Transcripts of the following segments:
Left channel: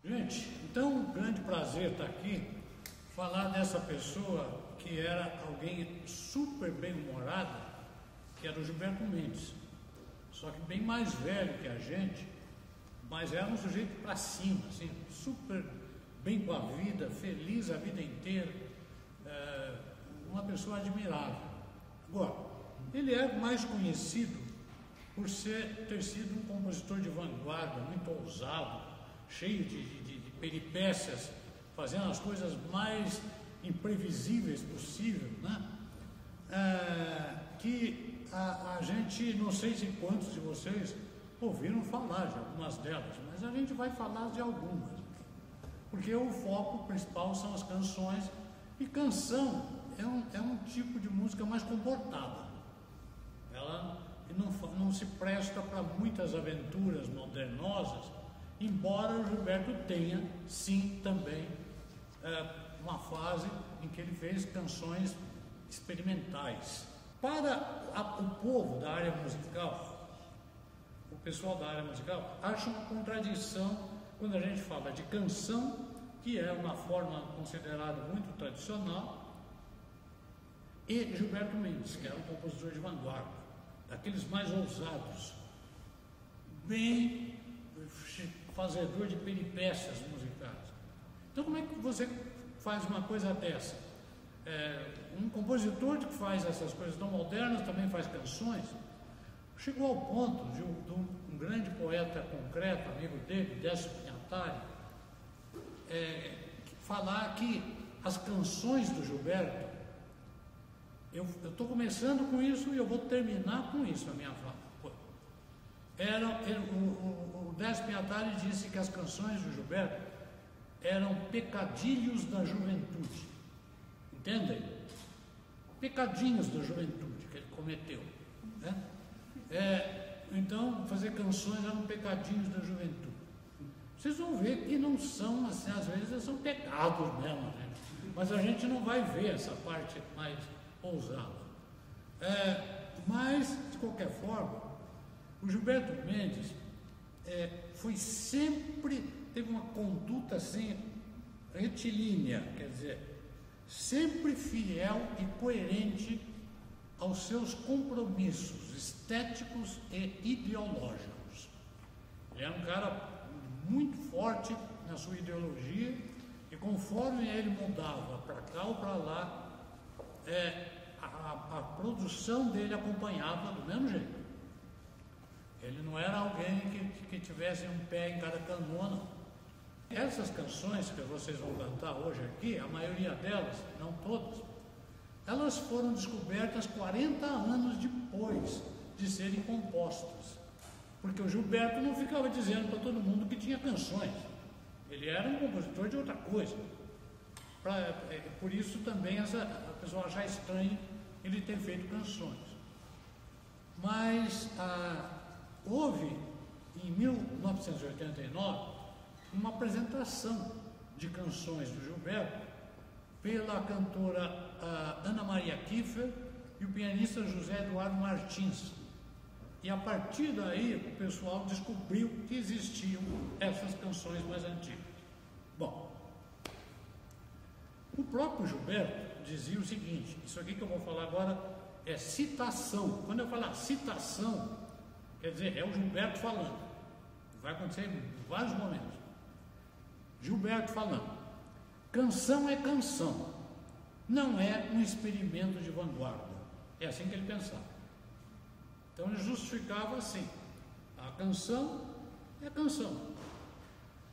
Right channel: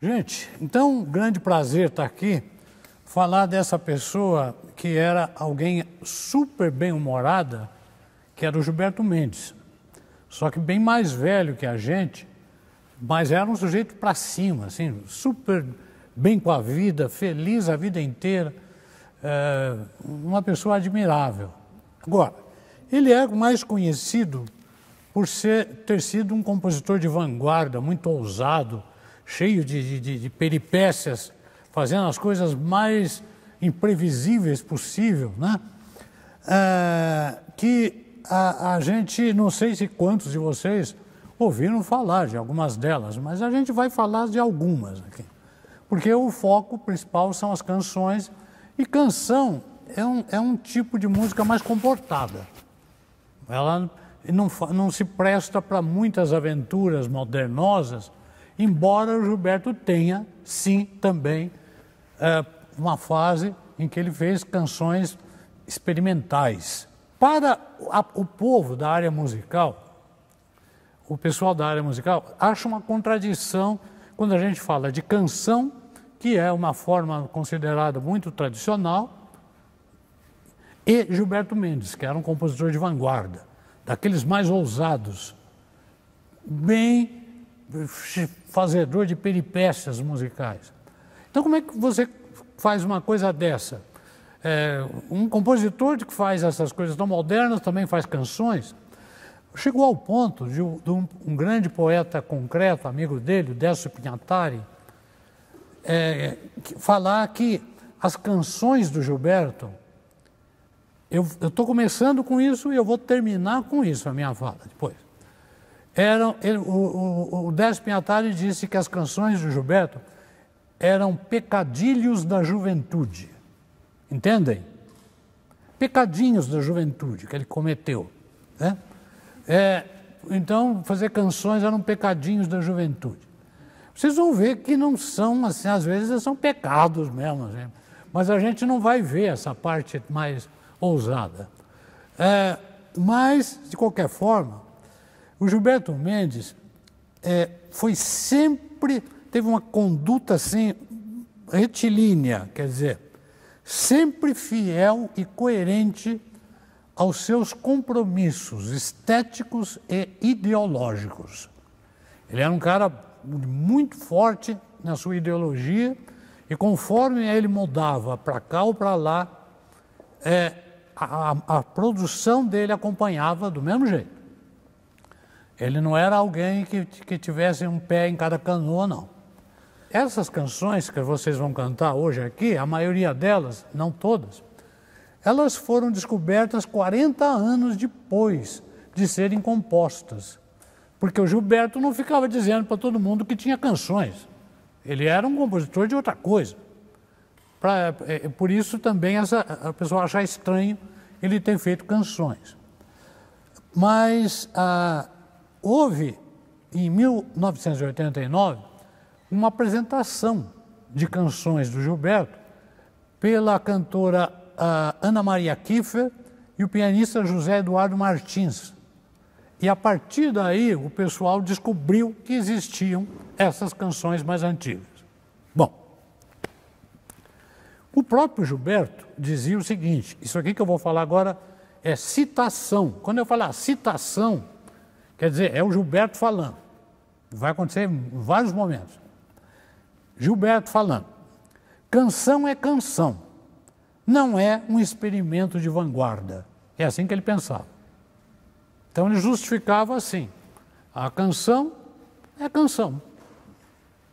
Gente, então, um grande prazer estar aqui, falar dessa pessoa que era alguém super bem-humorada, que era o Gilberto Mendes. Só que bem mais velho que a gente, mas era um sujeito para cima, assim, super bem com a vida, feliz a vida inteira, uma pessoa admirável. Agora, ele é mais conhecido por ter sido um compositor de vanguarda, muito ousado, cheio de peripécias, fazendo as coisas mais imprevisíveis possível, né? Que a gente, não sei se quantos de vocês ouviram falar de algumas delas, mas a gente vai falar de algumas aqui. Porque o foco principal são as canções, e canção é um tipo de música mais comportada. Ela não se presta para muitas aventuras modernosas, embora o Gilberto tenha, sim, também uma fase em que ele fez canções experimentais. Para o povo da área musical, o pessoal da área musical acha uma contradição quando a gente fala de canção, que é uma forma considerada muito tradicional, e Gilberto Mendes, que era um compositor de vanguarda, daqueles mais ousados, bem fazedor de peripécias musicais. Então, como é que você faz uma coisa dessa? Um compositor que faz essas coisas tão modernas também faz canções. Chegou ao ponto de um grande poeta concreto, amigo dele, o Décio Pinhatari, falar que as canções do Gilberto, eu estou começando com isso e eu vou terminar com isso a minha fala depois. O Décio Pinhatari disse que as canções do Gilberto eram pecadilhos da juventude. Entendem? Pecadinhos da juventude que ele cometeu, né? Então, fazer canções eram pecadinhos da juventude. Vocês vão ver que não são, assim, às vezes são pecados mesmo, né? Mas a gente não vai ver essa parte mais ousada. Mas, de qualquer forma, o Gilberto Mendes teve uma conduta assim, retilínea, quer dizer, sempre fiel e coerente aos seus compromissos estéticos e ideológicos. Ele era um cara muito forte na sua ideologia e conforme ele mudava para cá ou para lá, a produção dele acompanhava do mesmo jeito. Ele não era alguém que tivesse um pé em cada canoa, não. Essas canções que vocês vão cantar hoje aqui, a maioria delas, não todas, elas foram descobertas 40 anos depois de serem compostas. Porque o Gilberto não ficava dizendo para todo mundo que tinha canções. Ele era um compositor de outra coisa. Por isso também a pessoa acha estranho ele ter feito canções. Mas houve, em 1989, uma apresentação de canções do Gilberto pela cantora Ana Maria Kiefer e o pianista José Eduardo Martins. E a partir daí o pessoal descobriu que existiam essas canções mais antigas. Bom, o próprio Gilberto dizia o seguinte, isso aqui que eu vou falar agora é citação. Quando eu falar citação, quer dizer, é o Gilberto falando. Vai acontecer em vários momentos. Gilberto falando. Canção é canção. Não é um experimento de vanguarda. É assim que ele pensava. Então ele justificava assim. A canção é canção.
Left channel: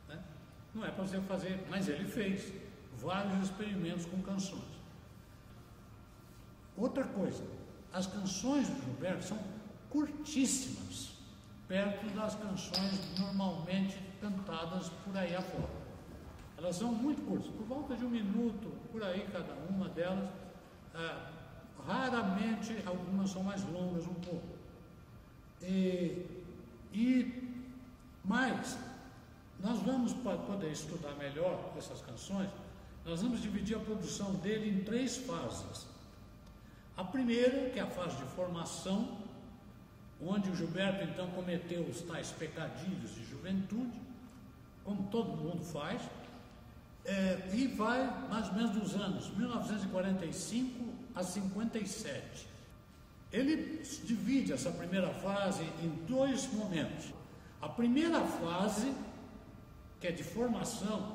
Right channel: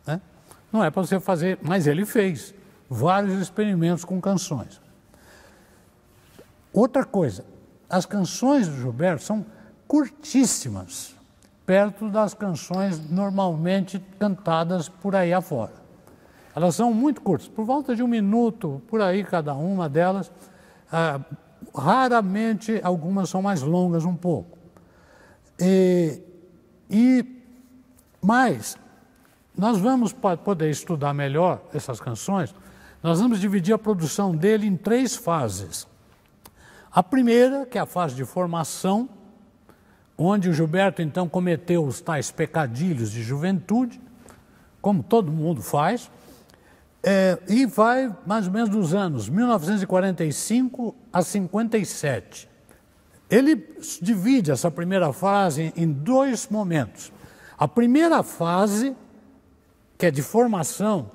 Né? Não é para você fazer, mas ele fez vários experimentos com canções. Outra coisa, as canções do Gilberto são curtíssimas, perto das canções normalmente cantadas por aí afora. Elas são muito curtas, por volta de 1 minuto, por aí cada uma delas. Raramente algumas são mais longas um pouco. Mas nós vamos poder estudar melhor essas canções, nós vamos dividir a produção dele em 3 fases. A primeira, que é a fase de formação, onde o Gilberto então cometeu os tais pecadilhos de juventude, como todo mundo faz, e vai mais ou menos dos anos 1945 a 57. Ele divide essa primeira fase em dois momentos. A primeira fase, que é de formação,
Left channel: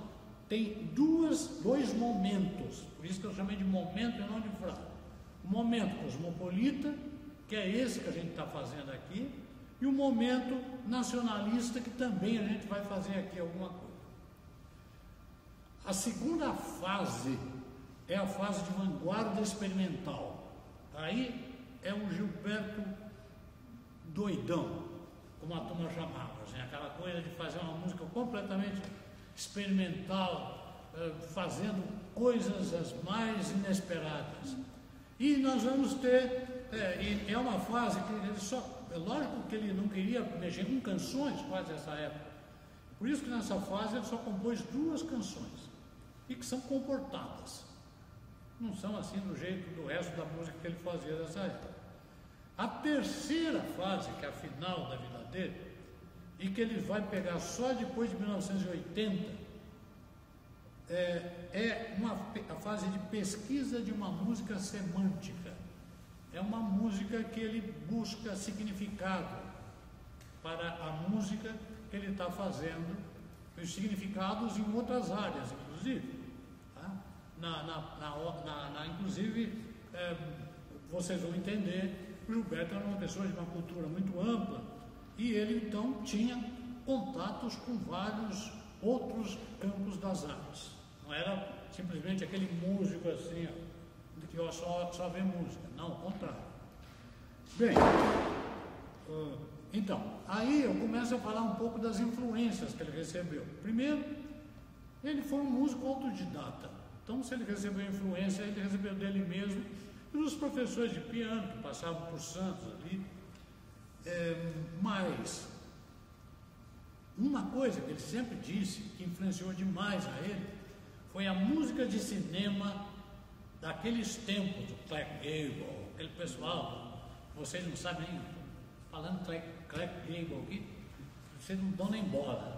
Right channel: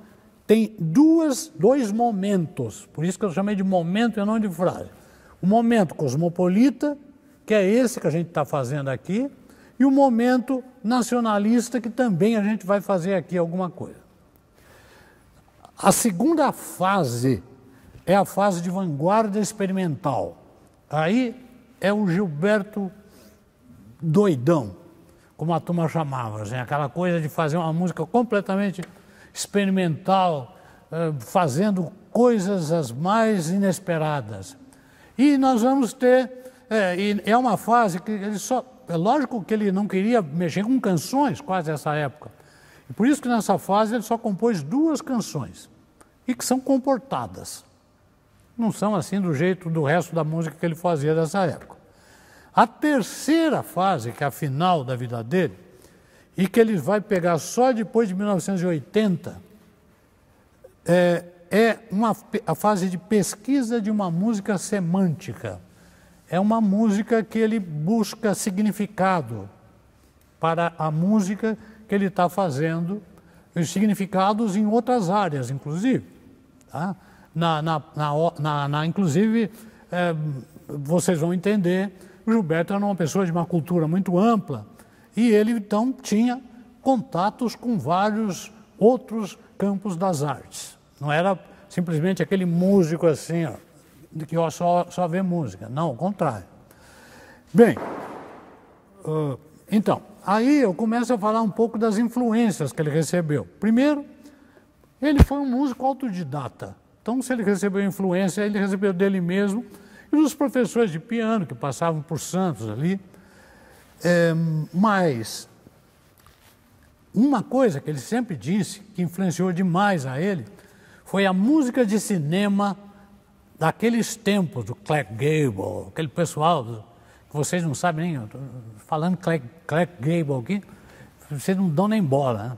tem dois momentos, por isso que eu chamei de momento e não de frase. O momento cosmopolita, que é esse que a gente está fazendo aqui, e o momento nacionalista, que também a gente vai fazer aqui alguma coisa. A segunda fase é a fase de vanguarda experimental. Aí é o Gilberto doidão, como a turma chamava, assim, aquela coisa de fazer uma música completamente experimental, fazendo coisas as mais inesperadas. E nós vamos ter, é uma fase que ele só, é lógico que ele não queria mexer com canções quase nessa época, e por isso que nessa fase ele só compôs 2 canções, e que são comportadas, não são assim do jeito do resto da música que ele fazia dessa época. A terceira fase, que é a final da vida dele, e que ele vai pegar só depois de 1980, a fase de pesquisa de uma música semântica. É uma música que ele busca significado para a música que ele está fazendo, os significados em outras áreas, inclusive. Tá? Inclusive, vocês vão entender, o Gilberto era uma pessoa de uma cultura muito ampla, e ele, então, tinha contatos com vários outros campos das artes. Não era simplesmente aquele músico assim, ó, que só vê música. Não, ao contrário. Bem, então, aí eu começo a falar um pouco das influências que ele recebeu. Primeiro, ele foi um músico autodidata. Então, se ele recebeu influência, ele recebeu dele mesmo e dos professores de piano que passavam por Santos ali. Mas uma coisa que ele sempre disse, que influenciou demais a ele, foi a música de cinema daqueles tempos, do Clark Gable, aquele pessoal, que vocês não sabem nem, falando Clark Gable aqui, vocês não dão nem bola,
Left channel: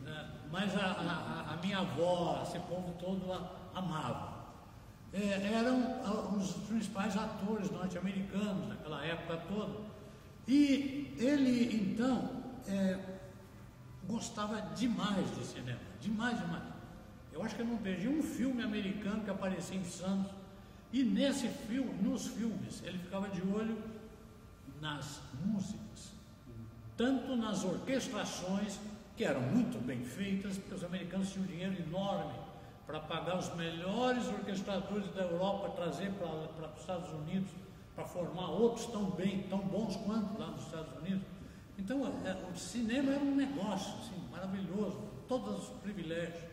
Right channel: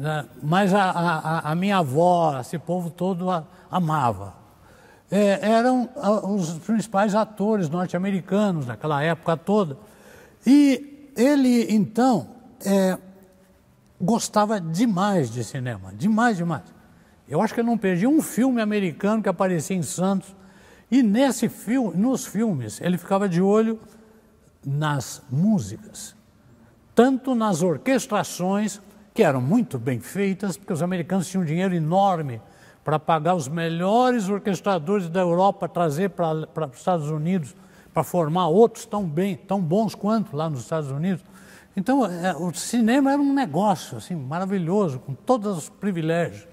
né? Mas a minha avó, esse povo todo amava. Eram os principais atores norte-americanos daquela época toda. E ele, então, gostava demais de cinema, demais. Eu acho que ele não perdia um filme americano que aparecia em Santos. E nos filmes, ele ficava de olho nas músicas, tanto nas orquestrações, que eram muito bem feitas, porque os americanos tinham um dinheiro enorme para pagar os melhores orquestradores da Europa, trazer para os Estados Unidos, para formar outros tão bons quanto lá nos Estados Unidos. Então, o cinema era um negócio assim, maravilhoso, com todos os privilégios.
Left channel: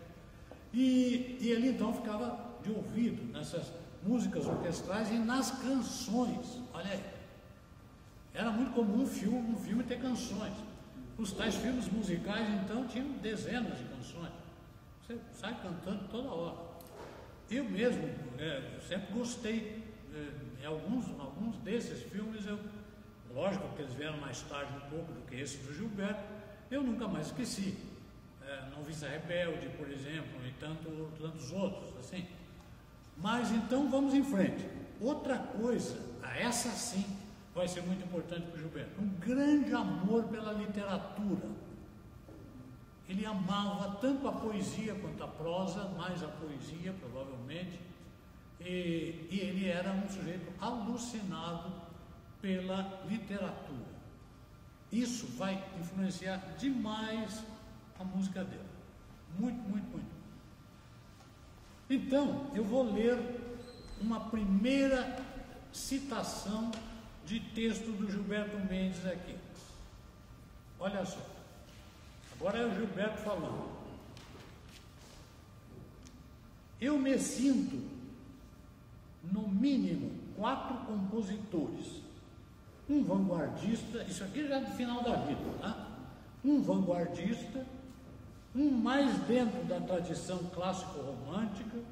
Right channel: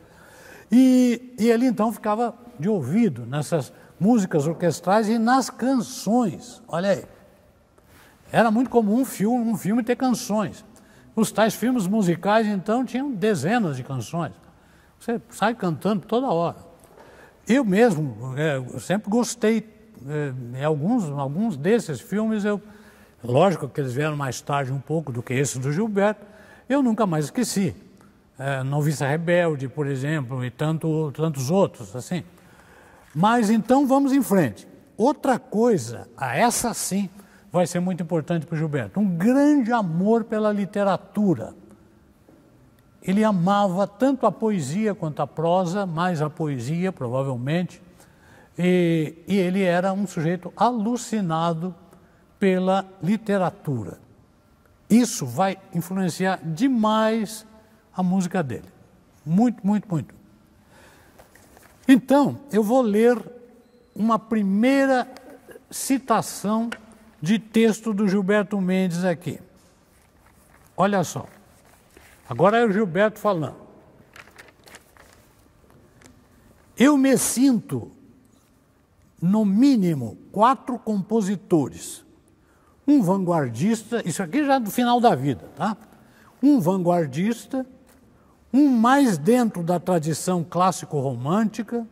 E ele, então, ficava de ouvido nessas músicas orquestrais e nas canções. Olha aí. Era muito comum um filme ter canções. Os tais filmes musicais, então, tinham dezenas de canções. Você sai cantando toda hora. Eu mesmo eu sempre gostei. Em alguns desses filmes, lógico que eles vieram mais tarde um pouco do que esse do Gilberto, eu nunca mais esqueci. Noviça Rebelde, por exemplo, e tantos outros, assim. Mas então vamos em frente. Outra coisa, essa sim vai ser muito importante para o Gilberto, um grande amor pela literatura. Ele amava tanto a poesia quanto a prosa, mais a poesia, provavelmente, e ele era um sujeito alucinado pela literatura. Isso vai influenciar demais a música dele. Muito. Então, eu vou ler uma primeira citação de texto do Gilberto Mendes aqui. Olha só. Agora é o Gilberto falando. Eu me sinto, no mínimo, 4 compositores. Um vanguardista, isso aqui já é do final da vida, tá? Um vanguardista, um mais dentro da tradição clássico-romântica,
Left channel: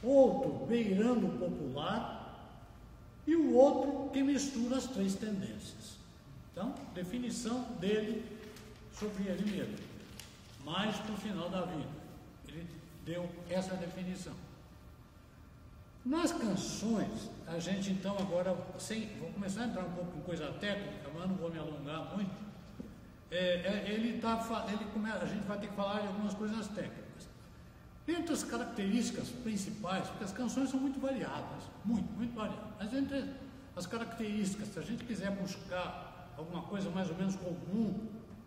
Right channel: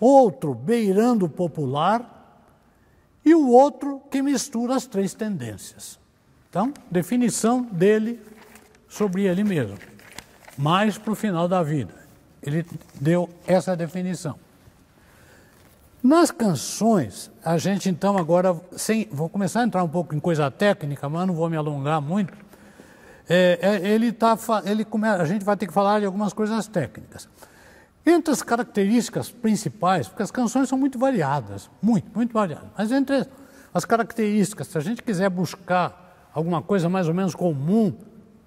outro beirando o popular e o outro que mistura as 3 tendências. Então, definição dele sobre ele mesmo. mais para o final da vida. Ele deu essa definição. Nas canções, a gente então agora, vou começar a entrar um pouco em coisa técnica, mas não vou me alongar muito. A gente vai ter que falar de algumas coisas técnicas. Entre as características principais, porque as canções são muito variadas, muito variadas, mas entre as características, se a gente quiser buscar alguma coisa mais ou menos comum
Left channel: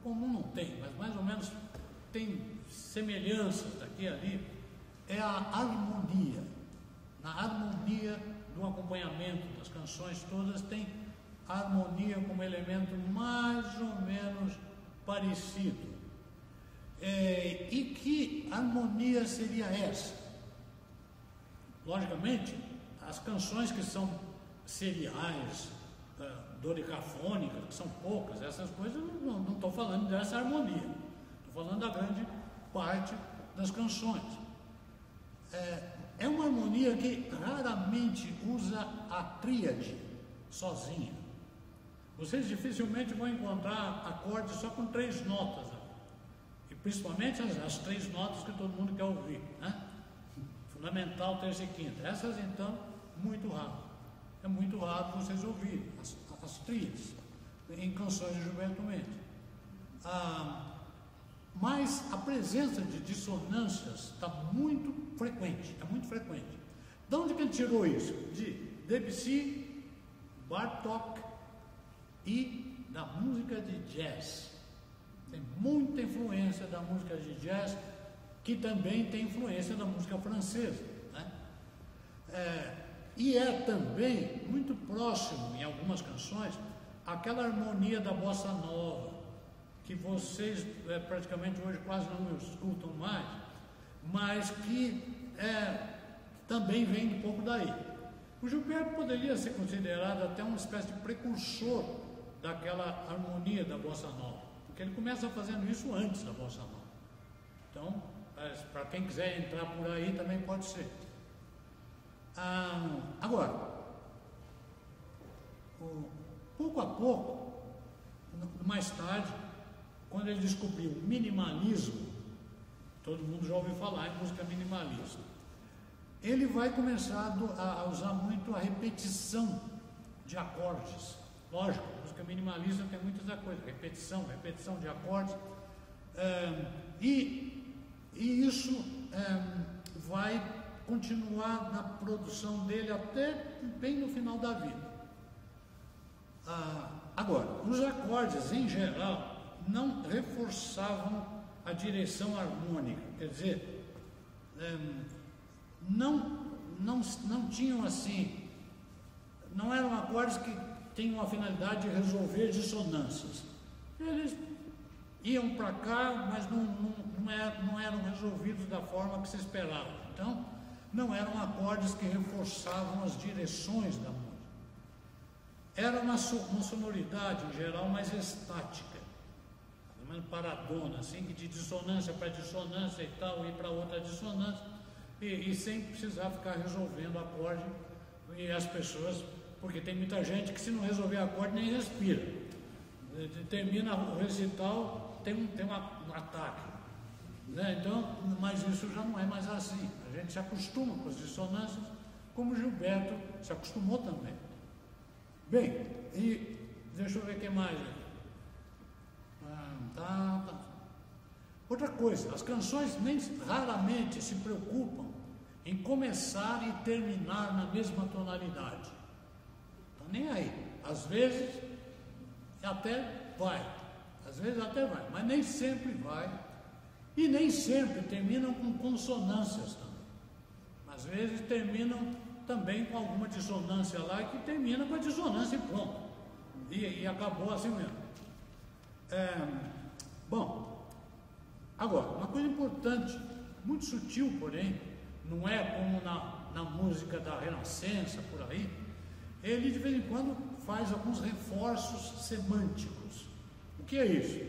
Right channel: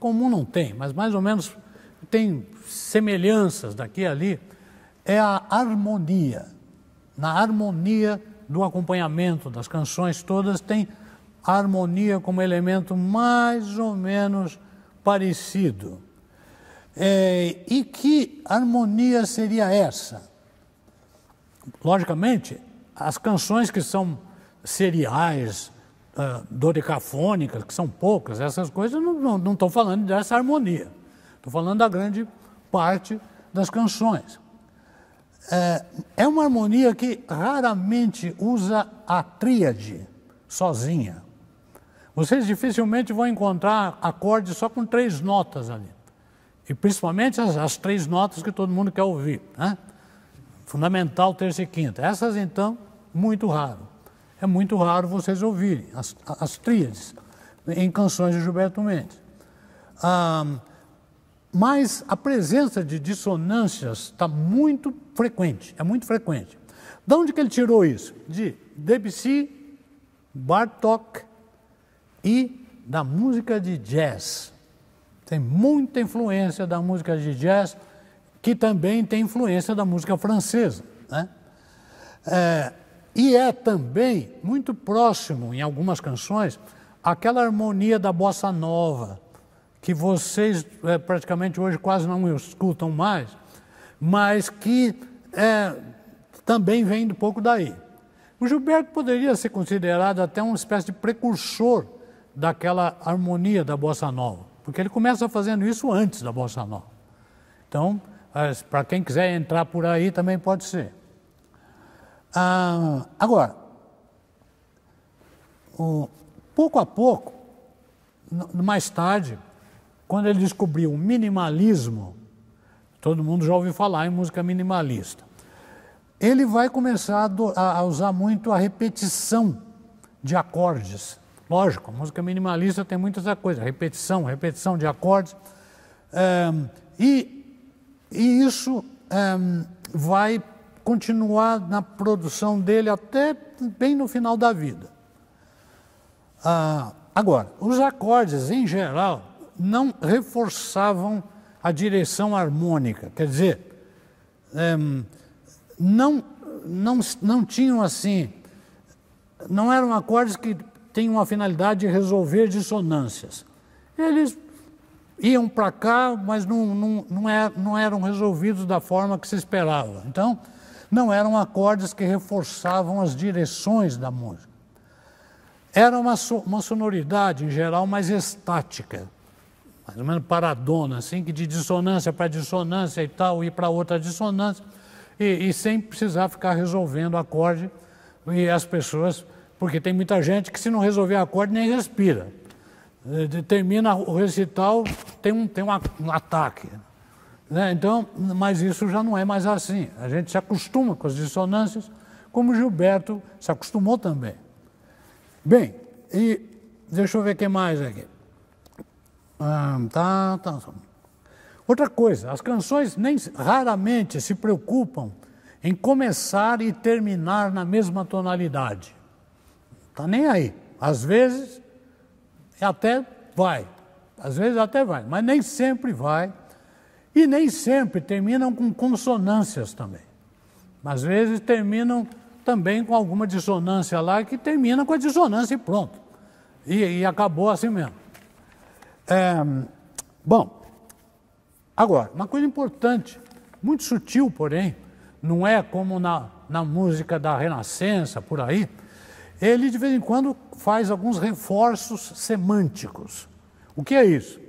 não tem, mas mais ou menos tem semelhanças daqui e ali, é a harmonia. Na harmonia do acompanhamento das canções todas, tem a harmonia como elemento mais ou menos parecido. E que harmonia seria essa? Logicamente, as canções que são seriais, dodecafônicas, que são poucas, essas coisas não estou falando dessa harmonia. Estou falando da grande parte das canções. É uma harmonia que raramente usa a tríade sozinha. Vocês dificilmente vão encontrar acordes só com 3 notas ali. E principalmente as 3 notas que todo mundo quer ouvir, né? Fundamental, terça e quinta. Essas, então, muito raro. É muito raro vocês ouvirem as tríades em canções de Gilberto Mendes. Mas a presença de dissonâncias está muito frequente, é muito frequente. De onde que ele tirou isso? De Debussy, Bartók e da música de jazz. Tem muita influência da música de jazz, que também tem influência da música francesa, né? E é também muito próximo, em algumas canções, aquela harmonia da bossa nova, que vocês praticamente hoje quase não escutam mais, mas que também vem um pouco daí. O Gilberto poderia ser considerado até uma espécie de precursor daquela harmonia da bossa nova, porque ele começa fazendo isso antes da bossa nova. Então, para quem quiser entrar por aí, também pode ser. Agora, pouco a pouco, mais tarde, quando ele descobriu o minimalismo, todo mundo já ouviu falar em música minimalista, ele vai começar a usar muito a repetição de acordes. Lógico, a música minimalista tem muita coisa, repetição de acordes, e isso vai continuar na produção dele até bem no final da vida. Agora, os acordes, em geral, não reforçavam a direção harmônica, quer dizer, não tinham assim, não eram acordes que tinham a finalidade de resolver dissonâncias. Eles iam para cá, mas não eram resolvidos da forma que se esperava. Então, não eram acordes que reforçavam as direções da música. Era uma sonoridade, em geral, mais estática, mais ou menos paradona, assim, que de dissonância para dissonância e tal, ir para outra dissonância, e sem precisar ficar resolvendo acorde, e as pessoas, porque tem muita gente que se não resolver acorde nem respira. Termina o recital, tem um ataque, né? Então, mas isso já não é mais assim. A gente se acostuma com as dissonâncias, como Gilberto se acostumou também. Bem, e deixa eu ver o que mais aqui. Outra coisa, as canções raramente se preocupam em começar e terminar na mesma tonalidade. Tá nem aí. Às vezes até vai, mas nem sempre vai, e nem sempre terminam com consonâncias também. Às vezes terminam também com alguma dissonância lá, que termina com a dissonância e pronto. E acabou assim mesmo. Bom, agora, uma coisa importante, muito sutil, porém, não é como na música da Renascença, por aí, ele de vez em quando faz alguns reforços semânticos. O que é isso?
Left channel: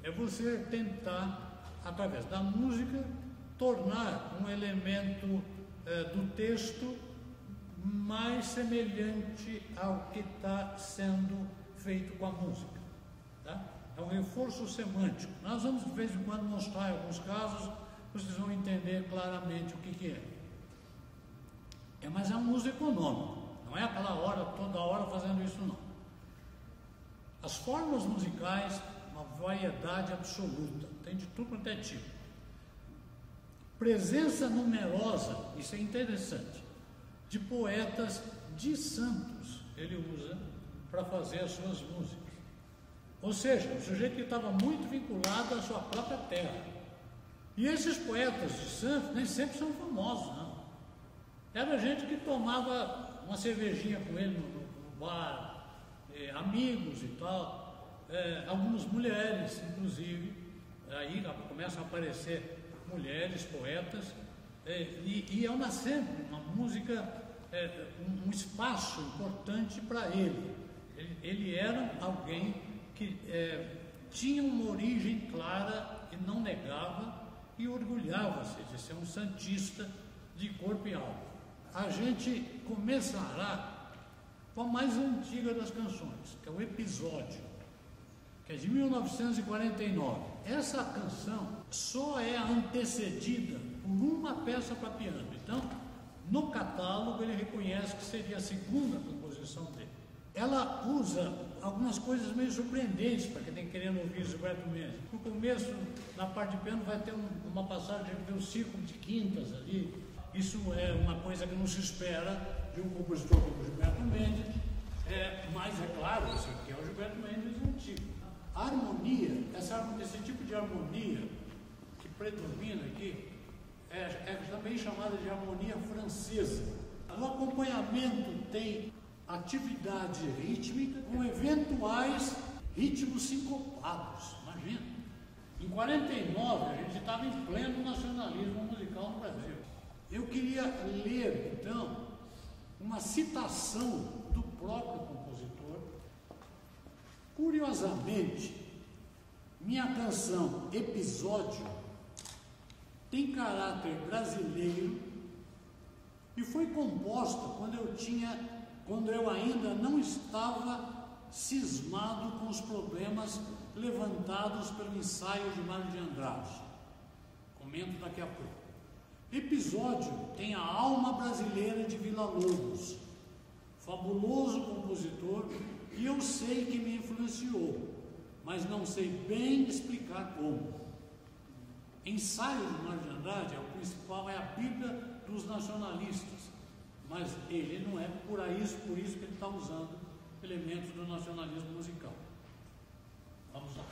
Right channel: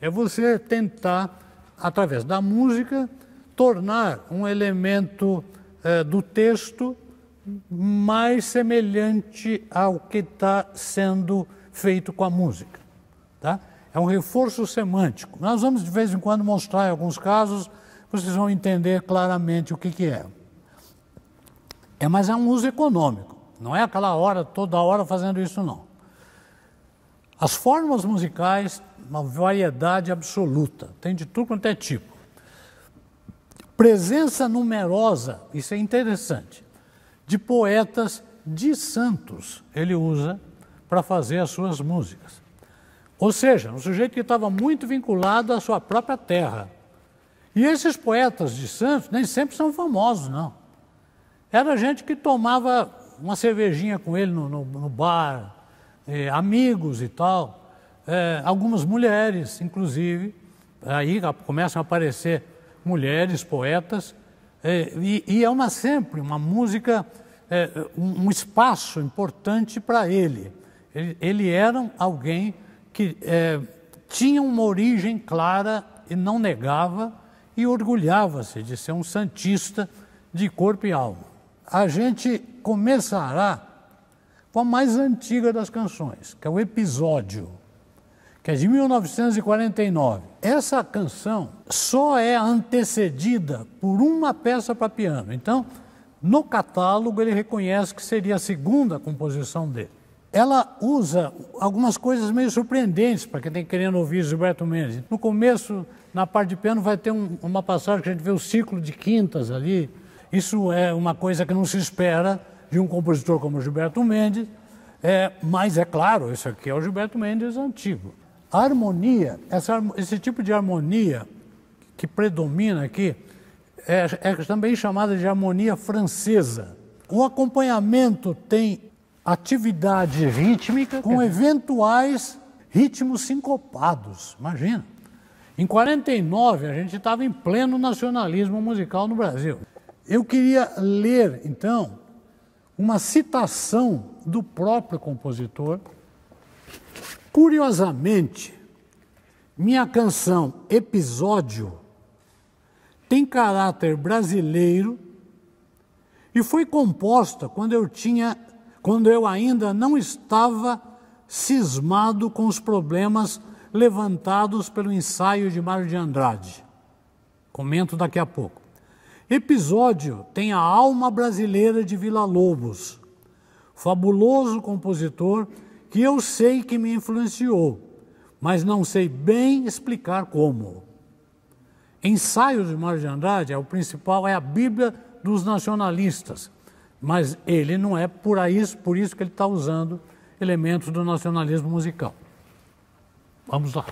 É você tentar, através da música, tornar um elemento do texto mais semelhante ao que está sendo feito com a música. Tá? é um reforço semântico. Nós vamos de vez em quando mostrar em alguns casos, vocês vão entender claramente o que é. Mas é um uso econômico, não é aquela hora, toda hora fazendo isso não. As formas musicais, uma variedade absoluta, tem de tudo quanto é tipo. Presença numerosa, isso é interessante, de poetas de santos, ele usa para fazer as suas músicas. Ou seja, um sujeito que estava muito vinculado à sua própria terra. E esses poetas de santos nem sempre são famosos, não. Era gente que tomava uma cervejinha com ele no bar, amigos e tal, algumas mulheres, inclusive, aí começam a aparecer mulheres, poetas, e é sempre uma música, um espaço importante para ele. Ele era alguém que tinha uma origem clara e não negava, e orgulhava-se de ser um santista de corpo e alma. A gente começará com a mais antiga das canções, que é o Episódio, que é de 1949. Essa canção só é antecedida por uma peça para piano. Então, no catálogo, ele reconhece que seria a segunda composição dele. Ela usa algumas coisas meio surpreendentes para quem está querendo ouvir Gilberto Mendes. No começo, na parte de piano, vai ter uma passagem que a gente vê o ciclo de quintas ali. Isso é uma coisa que não se espera de um compositor como Gilberto Mendes, mas é claro, isso aqui é o Gilberto Mendes antigo. A harmonia, esse tipo de harmonia que predomina aqui, é também chamada de harmonia francesa. O acompanhamento tem atividade rítmica com eventuais ritmos sincopados, imagina. Em 49, a gente estava em pleno nacionalismo musical no Brasil. Eu queria ler, então, uma citação do próprio compositor. Curiosamente, minha canção Episódio tem caráter brasileiro e foi composta quando eu ainda não estava cismado com os problemas levantados pelo ensaio de Mário de Andrade. Comento daqui a pouco. Episódio tem a alma brasileira de Villa-Lobos, fabuloso compositor que eu sei que me influenciou, mas não sei bem explicar como. Ensaio de Mário de Andrade, o principal é a Bíblia dos nacionalistas, mas ele não é por isso que ele está usando elementos do nacionalismo musical. Vamos lá.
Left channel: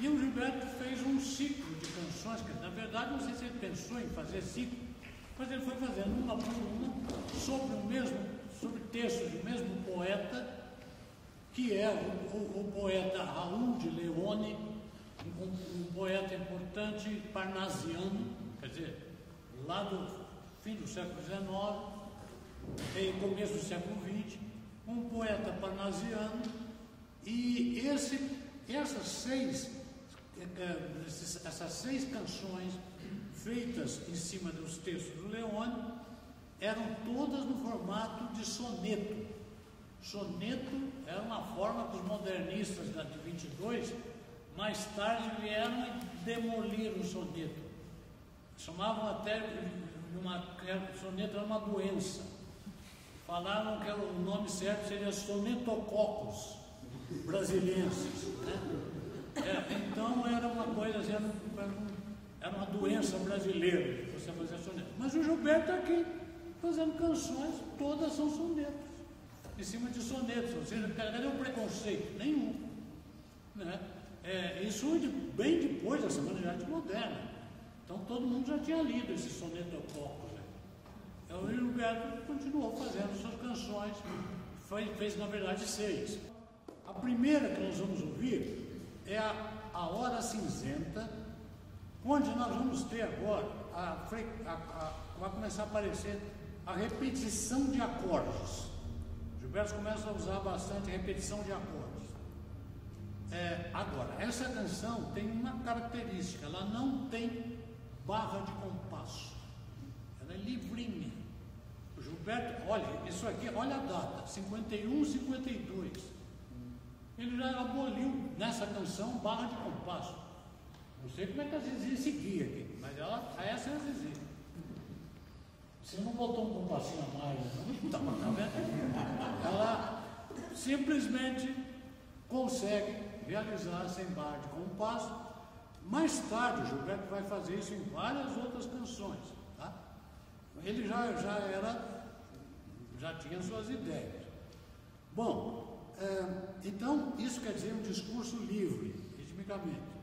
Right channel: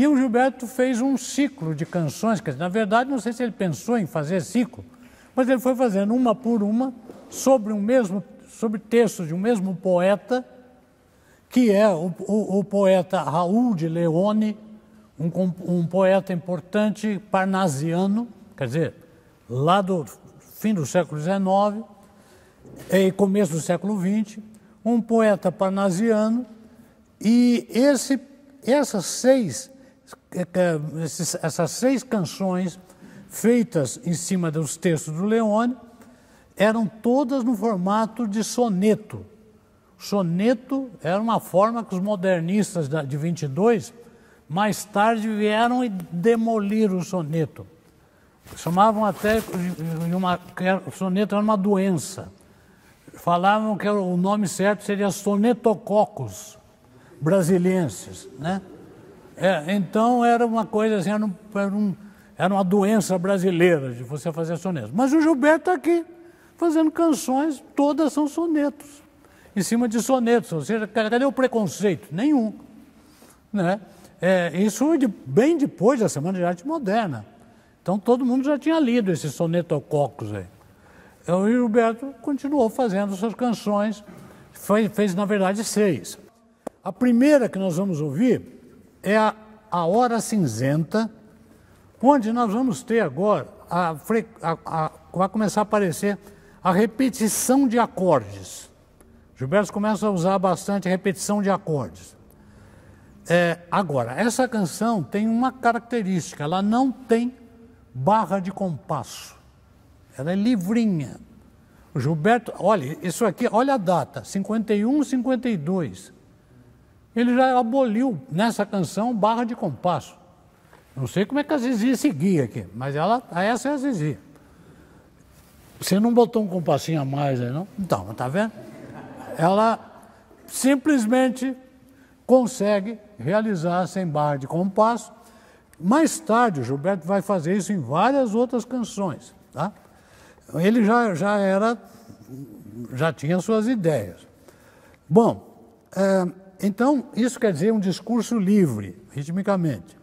E o Gilberto fez um ciclo de canções, que na verdade não sei se ele pensou em fazer ciclo, mas ele foi fazendo uma por uma sobre textos de um mesmo poeta, que é o poeta Raul de Leone, um poeta importante parnasiano, quer dizer, lá do fim do século XIX e começo do século XX, um poeta parnasiano, e essas seis canções feitas em cima dos textos do Leone eram todas no formato de soneto. Soneto era uma forma que os modernistas de 22 mais tarde vieram e demoliram o soneto. Chamavam até que o soneto era uma doença. Falavam que o nome certo seria sonetococcus brasiliensis, né? Então era uma coisa assim, era uma doença brasileira de você fazer sonetos. Mas o Gilberto está aqui fazendo canções, todas são sonetos, em cima de sonetos. Ou seja, cadê o preconceito? Nenhum, né? Isso bem depois da Semana de Arte Moderna. Então todo mundo já tinha lido esses sonetococcus aí. O Gilberto continuou fazendo suas canções, fez na verdade 6. A primeira que nós vamos ouvir é a Hora Cinzenta, onde nós vamos ter agora, vai começar a aparecer a repetição de acordes. Gilberto começa a usar bastante repetição de acordes. Agora, essa canção tem uma característica, ela não tem barra de compasso, ela é livrinha. O Gilberto, olha, isso aqui, olha a data, 51, 52. Ele já aboliu nessa canção barra de compasso. Não sei como é que a Zizi seguia aqui, mas essa é a Zizi. Você não botou um compassinho a mais aí, não? Então, tá vendo? Ela simplesmente consegue realizar sem barra de compasso. Mais tarde, o Gilberto vai fazer isso em várias outras canções, tá? Ele já tinha suas ideias. Bom, então, isso quer dizer um discurso livre, ritmicamente.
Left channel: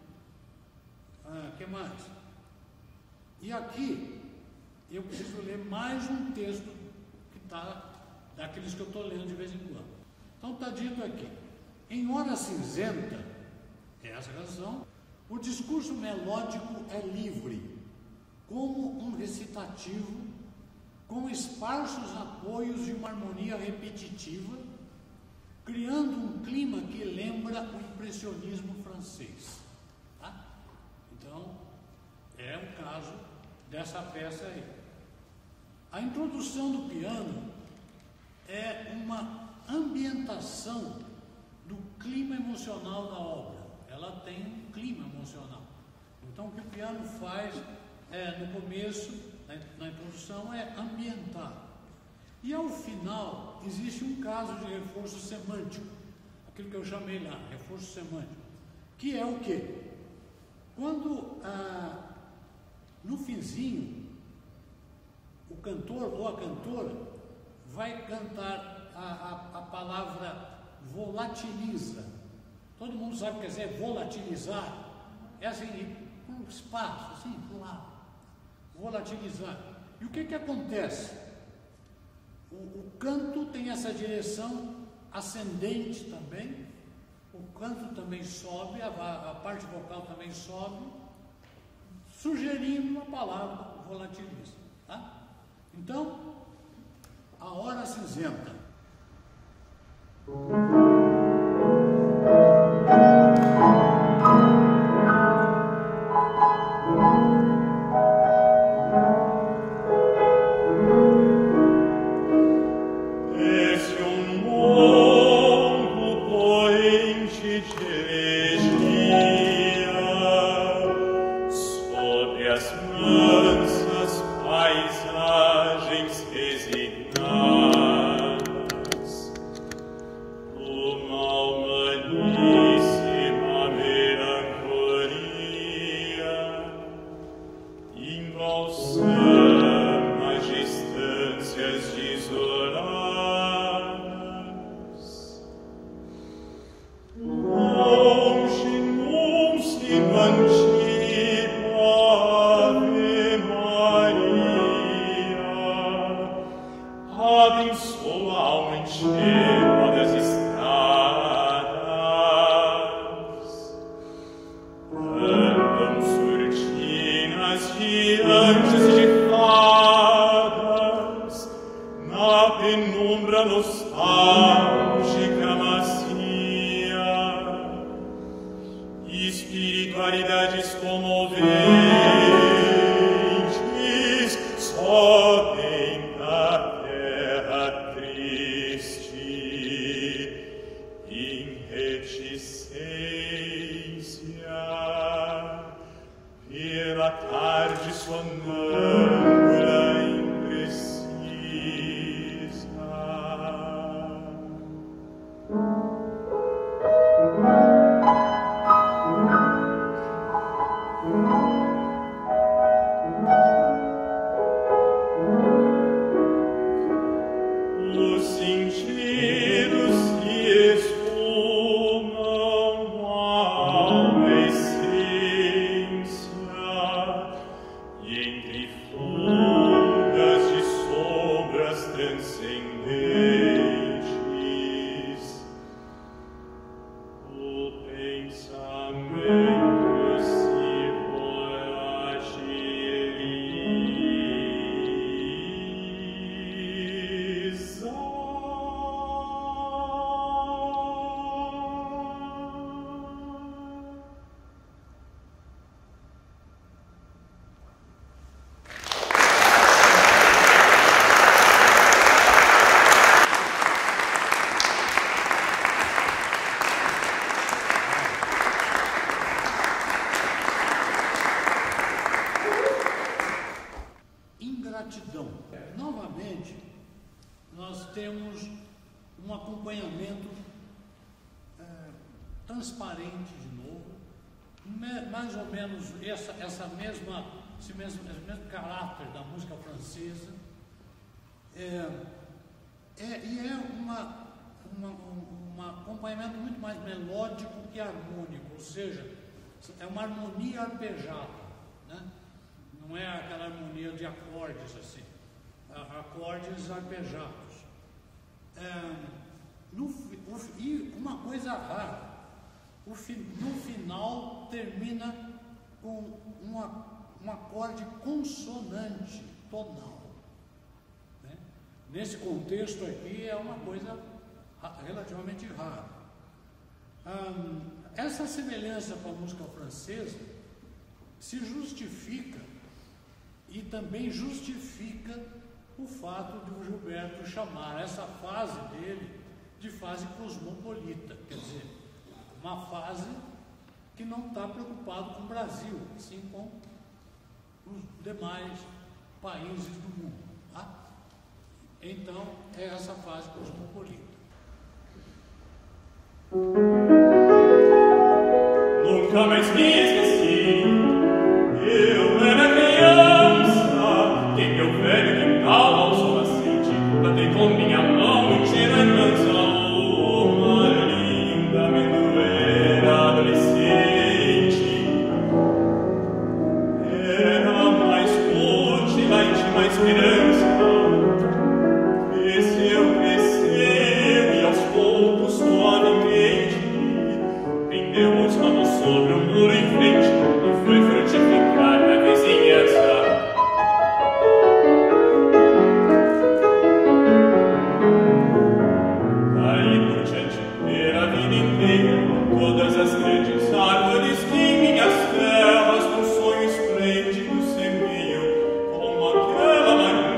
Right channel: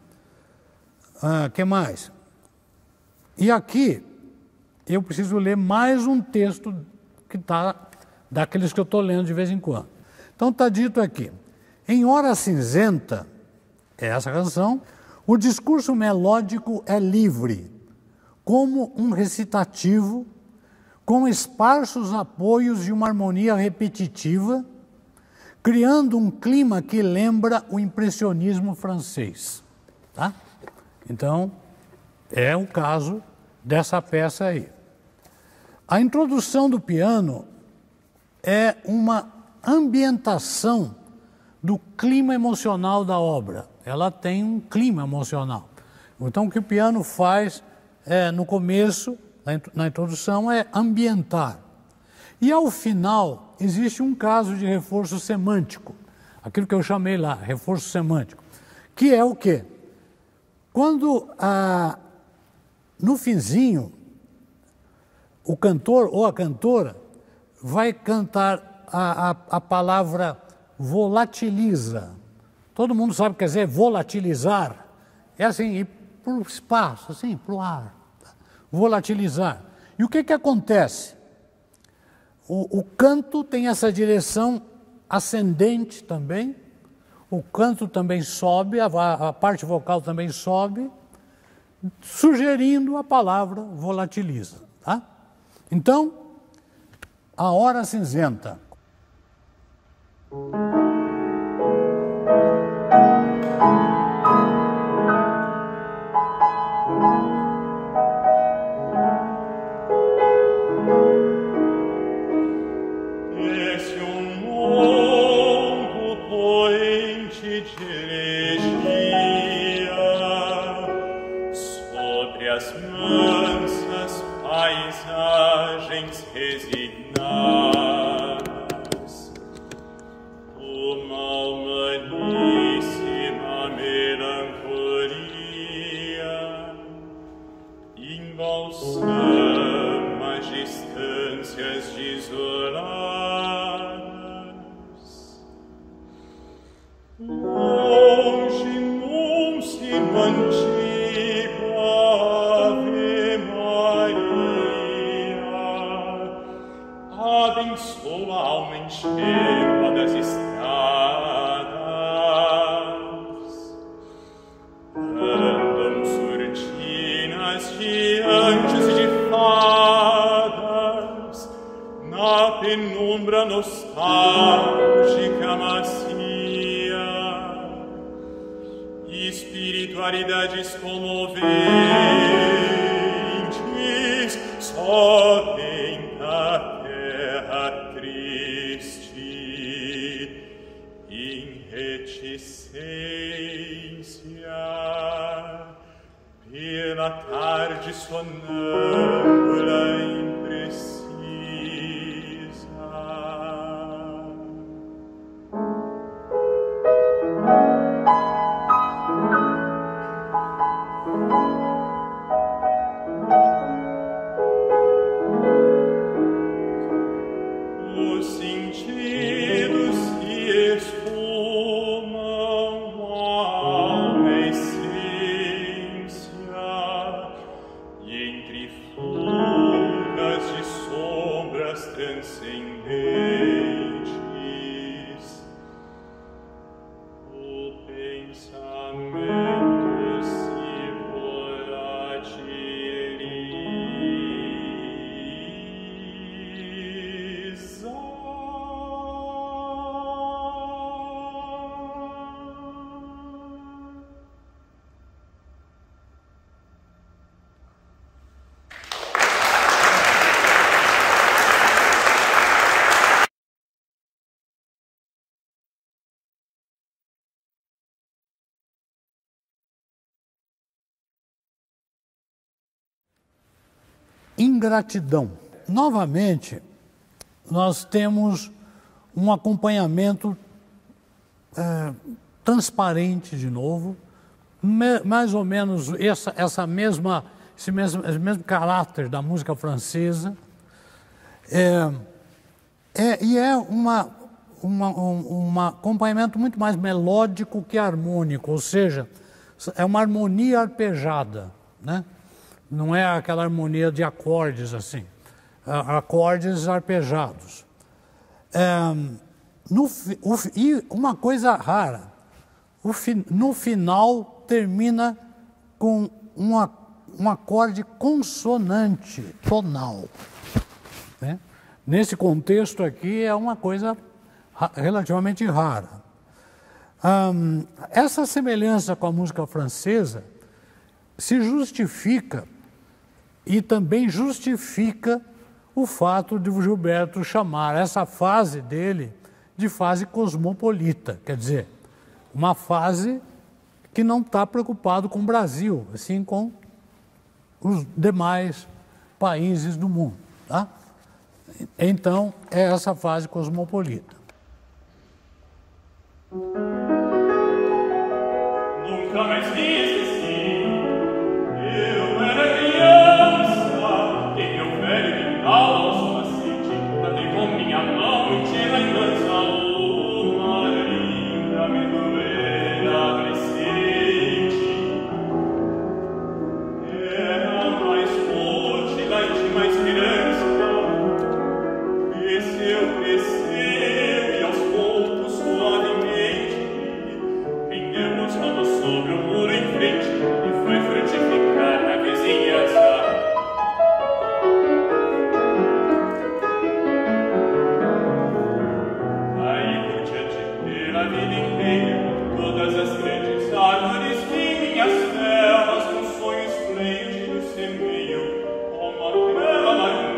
Que mais? E aqui, eu preciso ler mais um texto que está daqueles que eu estou lendo de vez em quando. Então, está dito aqui, em Hora Cinzenta, é essa canção, o discurso melódico é livre, como um recitativo, com esparsos apoios de uma harmonia repetitiva, criando um clima que lembra o impressionismo francês. Tá? Então, é o caso dessa peça aí. A introdução do piano é uma ambientação do clima emocional da obra. Ela tem um clima emocional. Então, o que o piano faz no começo, na introdução, é ambientar. E, ao final, existe um caso de reforço semântico, aquilo que eu chamei lá, reforço semântico, que é o quê? Quando, no finzinho, o cantor ou a cantora vai cantar a palavra volatiliza. Todo mundo sabe o que quer dizer volatilizar. É assim, ir para o espaço, assim, para o ar. Volatilizar. E o que acontece? O canto tem essa direção ascendente também, o canto também sobe, a parte vocal também sobe, sugerindo a palavra volatiliza. Tá? Então, a Hora Cinzenta. Longe, num abençoa a alma enxerga das estradas. Andam surtinas de anjos e de fadas na penumbra nostálgica macia. Espiritualidades comoventes sobem a terra triste em reticência pela tarde sonâmbula imprecisa. Os sentidos se esfumam alma essência e entre fugas de sombras transcendentes o pensamento se volatiliza. Ingratidão. Novamente, nós temos um acompanhamento transparente de novo, mais ou menos esse mesmo caráter da música francesa, e é um acompanhamento muito mais melódico que harmônico, ou seja, é uma harmonia arpejada, né? Não é aquela harmonia de acordes assim, acordes arpejados. E uma coisa rara, no final termina com um acorde consonante tonal, né? Nesse contexto aqui é uma coisa relativamente rara. Essa semelhança com a música francesa se justifica e também justifica o fato de o Gilberto chamar essa fase dele de fase cosmopolita, quer dizer, uma fase que não está preocupado com o Brasil, assim com os demais países do mundo, tá? Então, é essa fase cosmopolita. Nunca mais me esqueci, eu era criança, que meu velho cantava ao som nascente, batei com minha mão e tinha na dança uma linda amendoeira adolescente. Era mais útil e tinha mais esperança, cresceu e aos poucos suavemente pendeu os ramos sobre um muro em frente e foi frutificar na vizinhança. Daí por diante pela vida inteira, todas as grandes árvores de minhas terras com sonhos esplêndidos sembriam como aquela marinha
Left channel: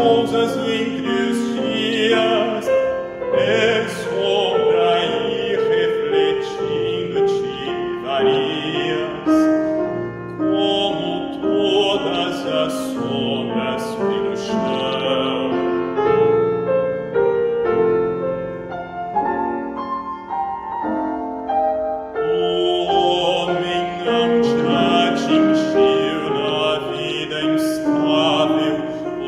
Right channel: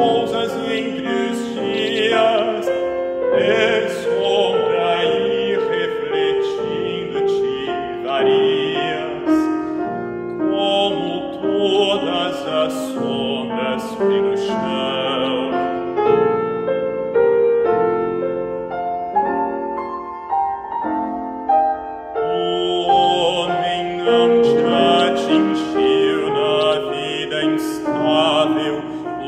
cousas e entre os dias, é sombra e refletindo te varias, como todas as sombras pelo chão. O homem não te atingiu na vida instável,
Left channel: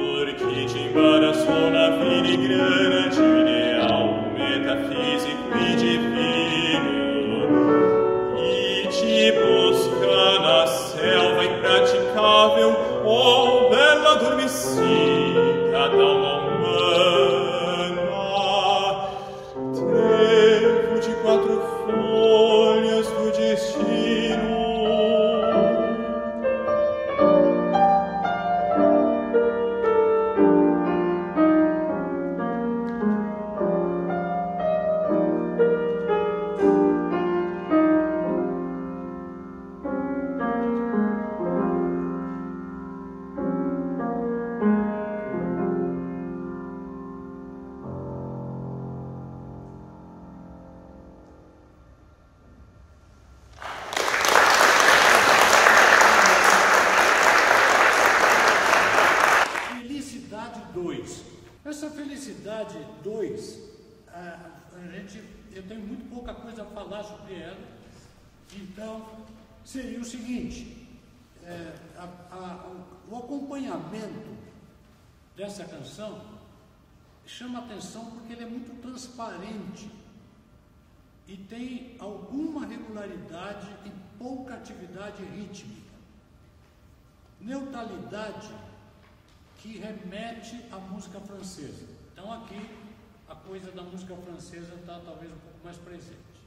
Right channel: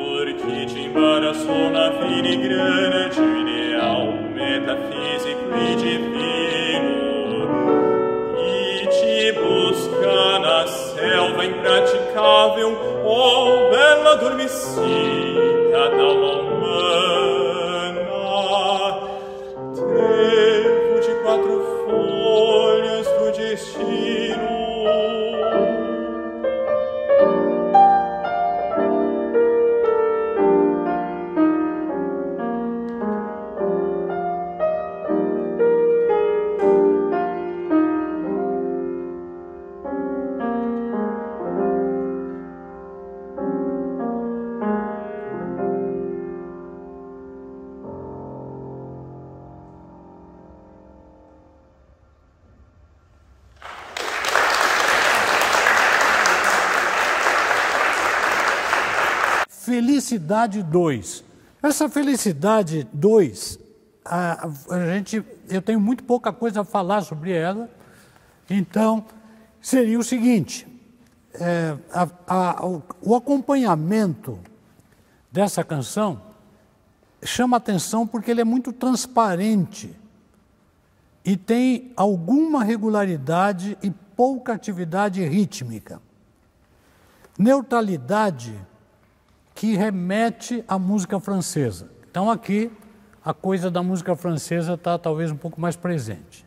porque te embaraçou na vida grande, ideal, metafísico e divino, e te busca na selva impraticável, oh bela adormecida d'alma humana, trevo de 4 folhas do destino. Felicidade 2. Essa Felicidade 2, eu tenho muito pouca coisa a falar sobre ela, então seria o seguinte, o acompanhamento dessa canção chama atenção porque ele é muito transparente e tem alguma regularidade e pouca atividade rítmica. Neutralidade que remete à música francesa. Então aqui a coisa da música francesa está talvez um pouco mais presente.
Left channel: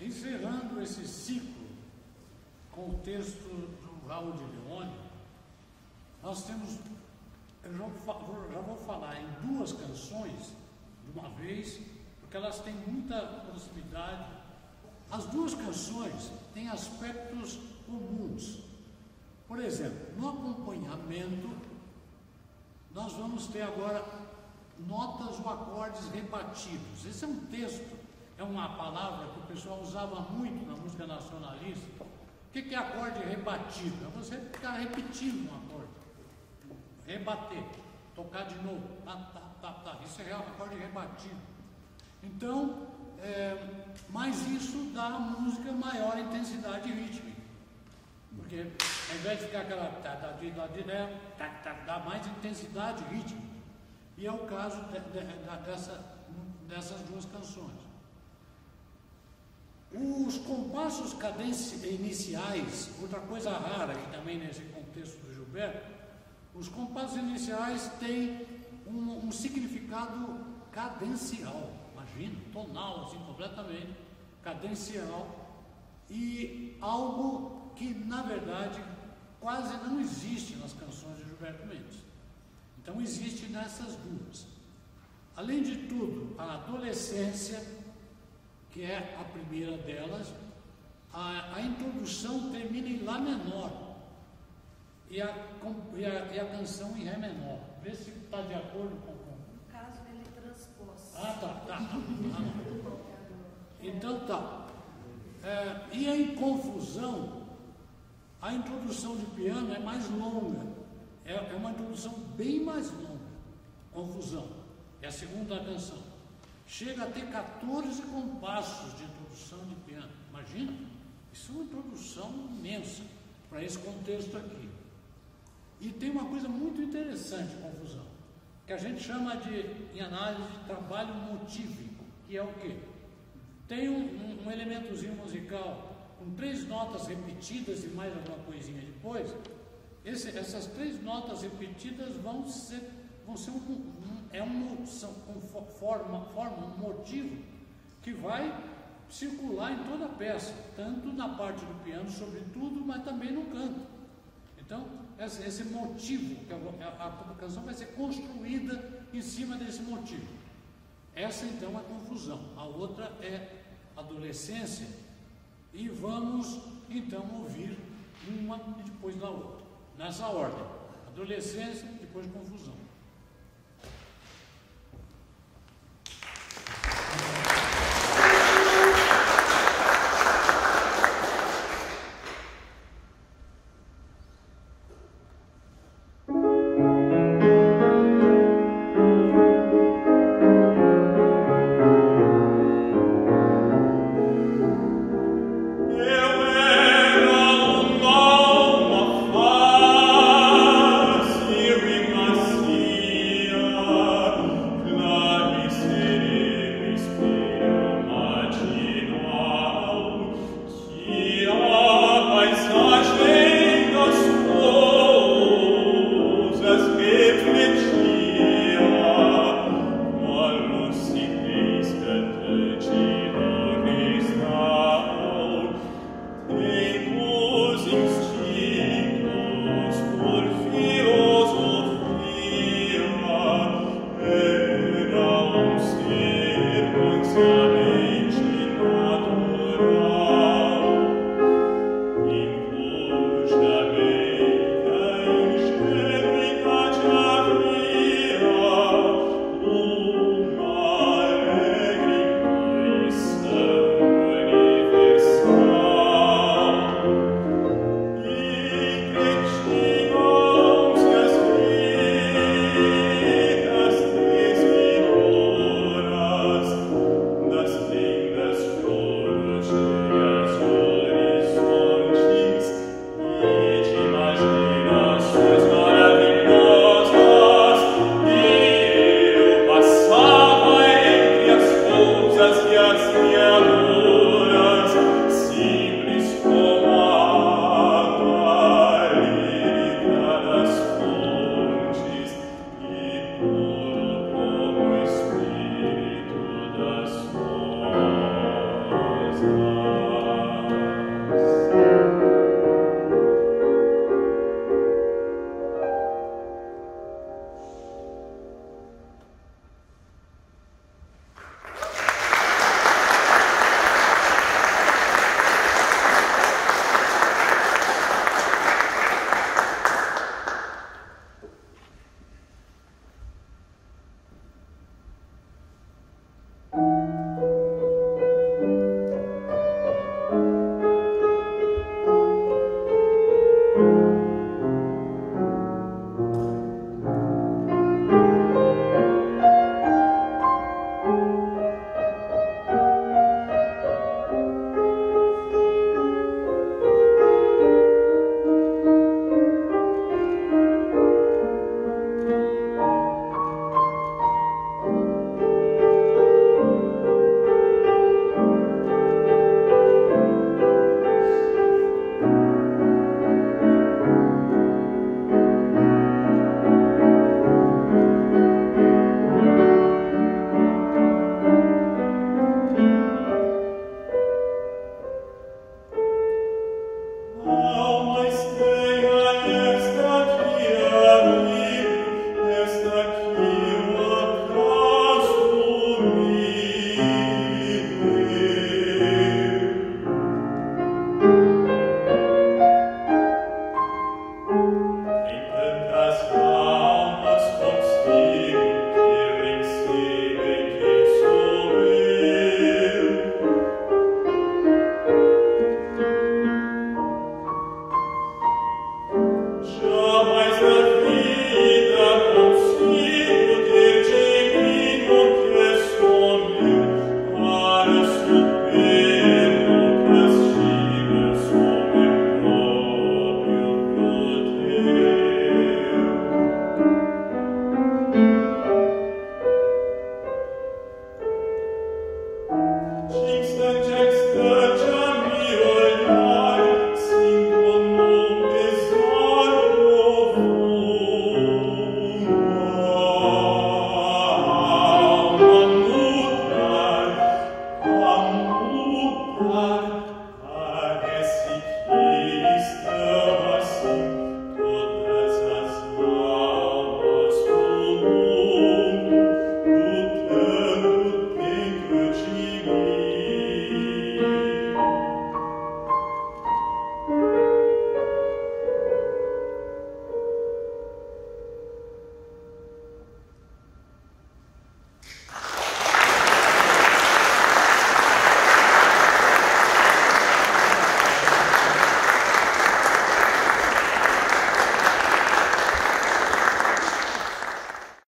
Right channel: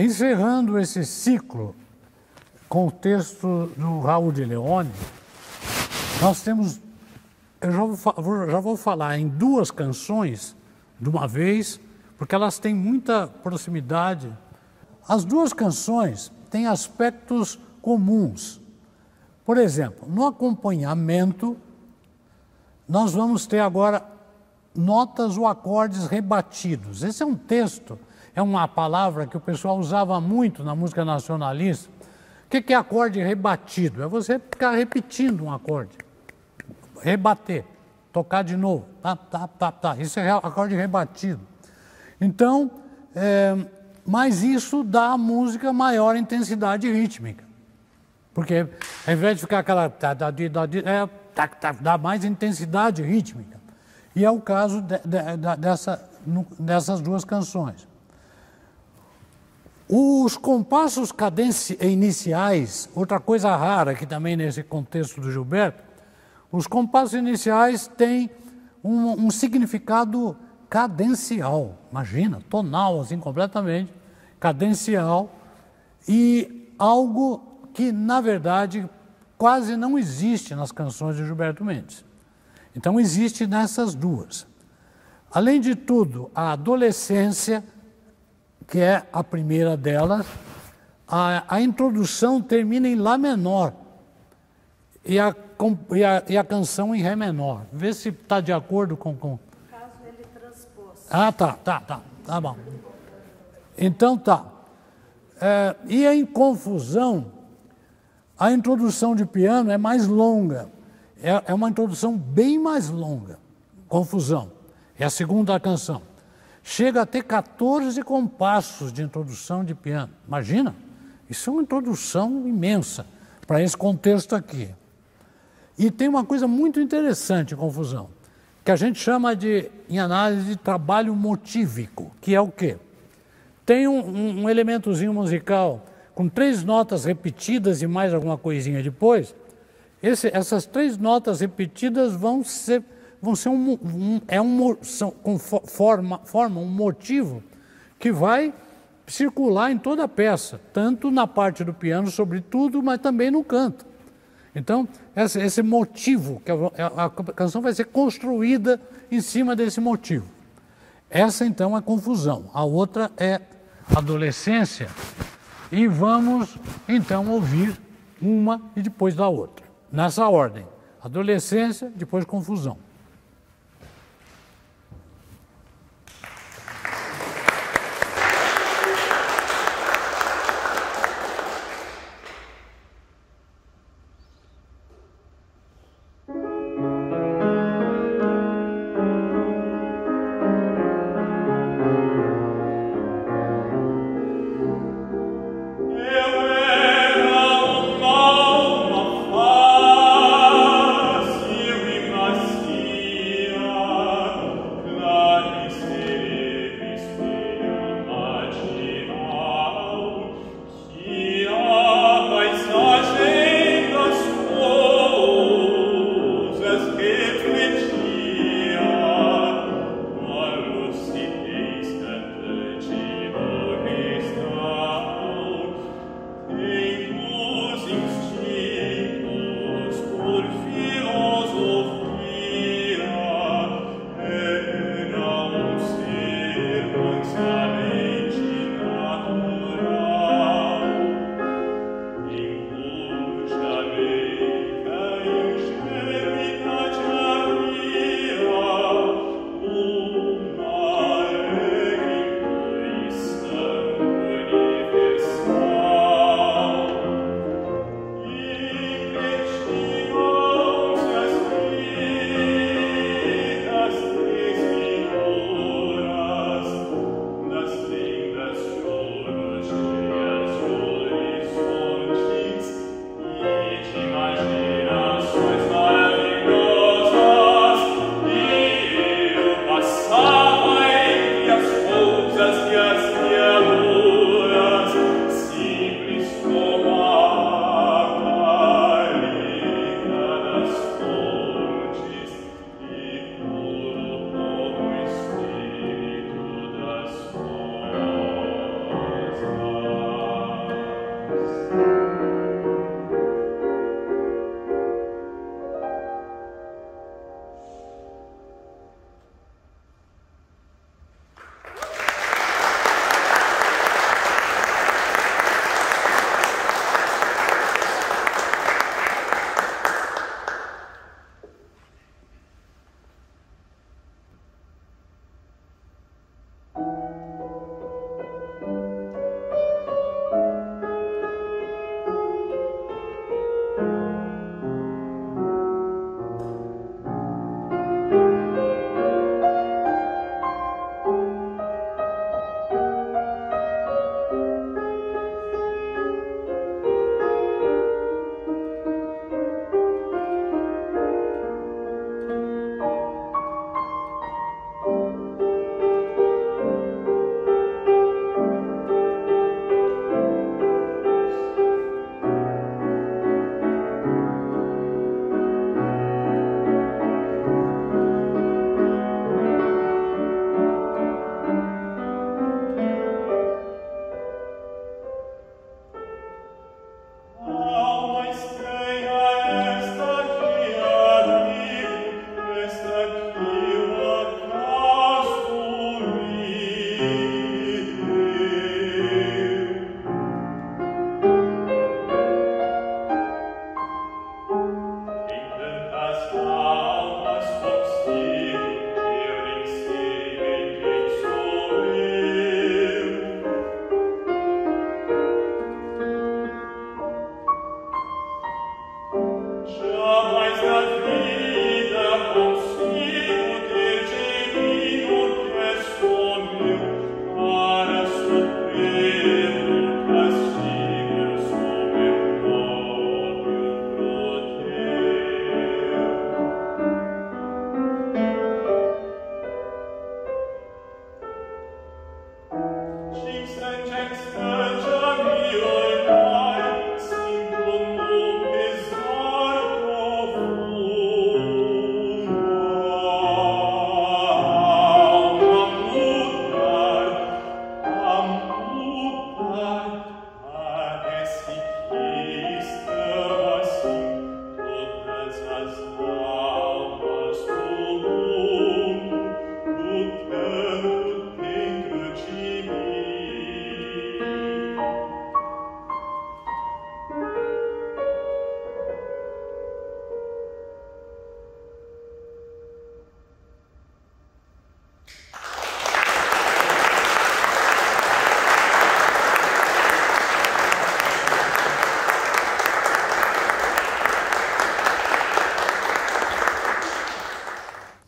encerrando esse ciclo com o texto do Raul de Leone, nós temos, eu já vou falar em 2 canções de uma vez, porque elas têm muita proximidade. As 2 canções têm aspectos comuns. Por exemplo, no acompanhamento, nós vamos ter agora notas ou acordes rebatidos. Esse é um texto, é uma palavra que o pessoal usava muito na música nacionalista. O que é acorde rebatido? É você ficar repetindo um acorde. Rebater, tocar de novo. Tá. Isso é acorde rebatido. Então, mas isso dá à música maior intensidade rítmica. Porque ao invés de ficar aquela... dá mais intensidade rítmica. E é o caso dessas 2 canções. Os compassos iniciais, outra coisa rara que também nesse contexto do Gilberto, os compassos iniciais têm um significado cadencial, imagina, tonal, assim, completamente cadencial, e algo que, na verdade, quase não existe nas canções de Gilberto Mendes. Então, existe nessas 2. Além de tudo, a adolescência, que é a primeira delas, a introdução termina em Lá menor e a canção em Ré menor. Vê se está de acordo com... No caso, ele transpôs. Tá bom. Então tá. E em Confusão, a introdução de piano é mais longa. É uma introdução bem mais longa. Confusão. É a segunda canção. Chega a ter 14 compassos de introdução de piano. Imagina? Isso é uma introdução imensa para esse contexto aqui. E tem uma coisa muito interessante em Confusão, que a gente chama em análise de trabalho motívico, que é o quê? Tem um elementozinho musical com 3 notas repetidas e mais alguma coisinha depois. Essas 3 notas repetidas formam um motivo que vai circular em toda a peça, tanto na parte do piano, sobretudo, mas também no canto. Então, esse motivo, que a canção vai ser construída em cima desse motivo. Essa, então, é Confusão. A outra é Adolescência. E vamos, então, ouvir uma e depois da outra. Nessa ordem. Adolescência, depois Confusão. Sim.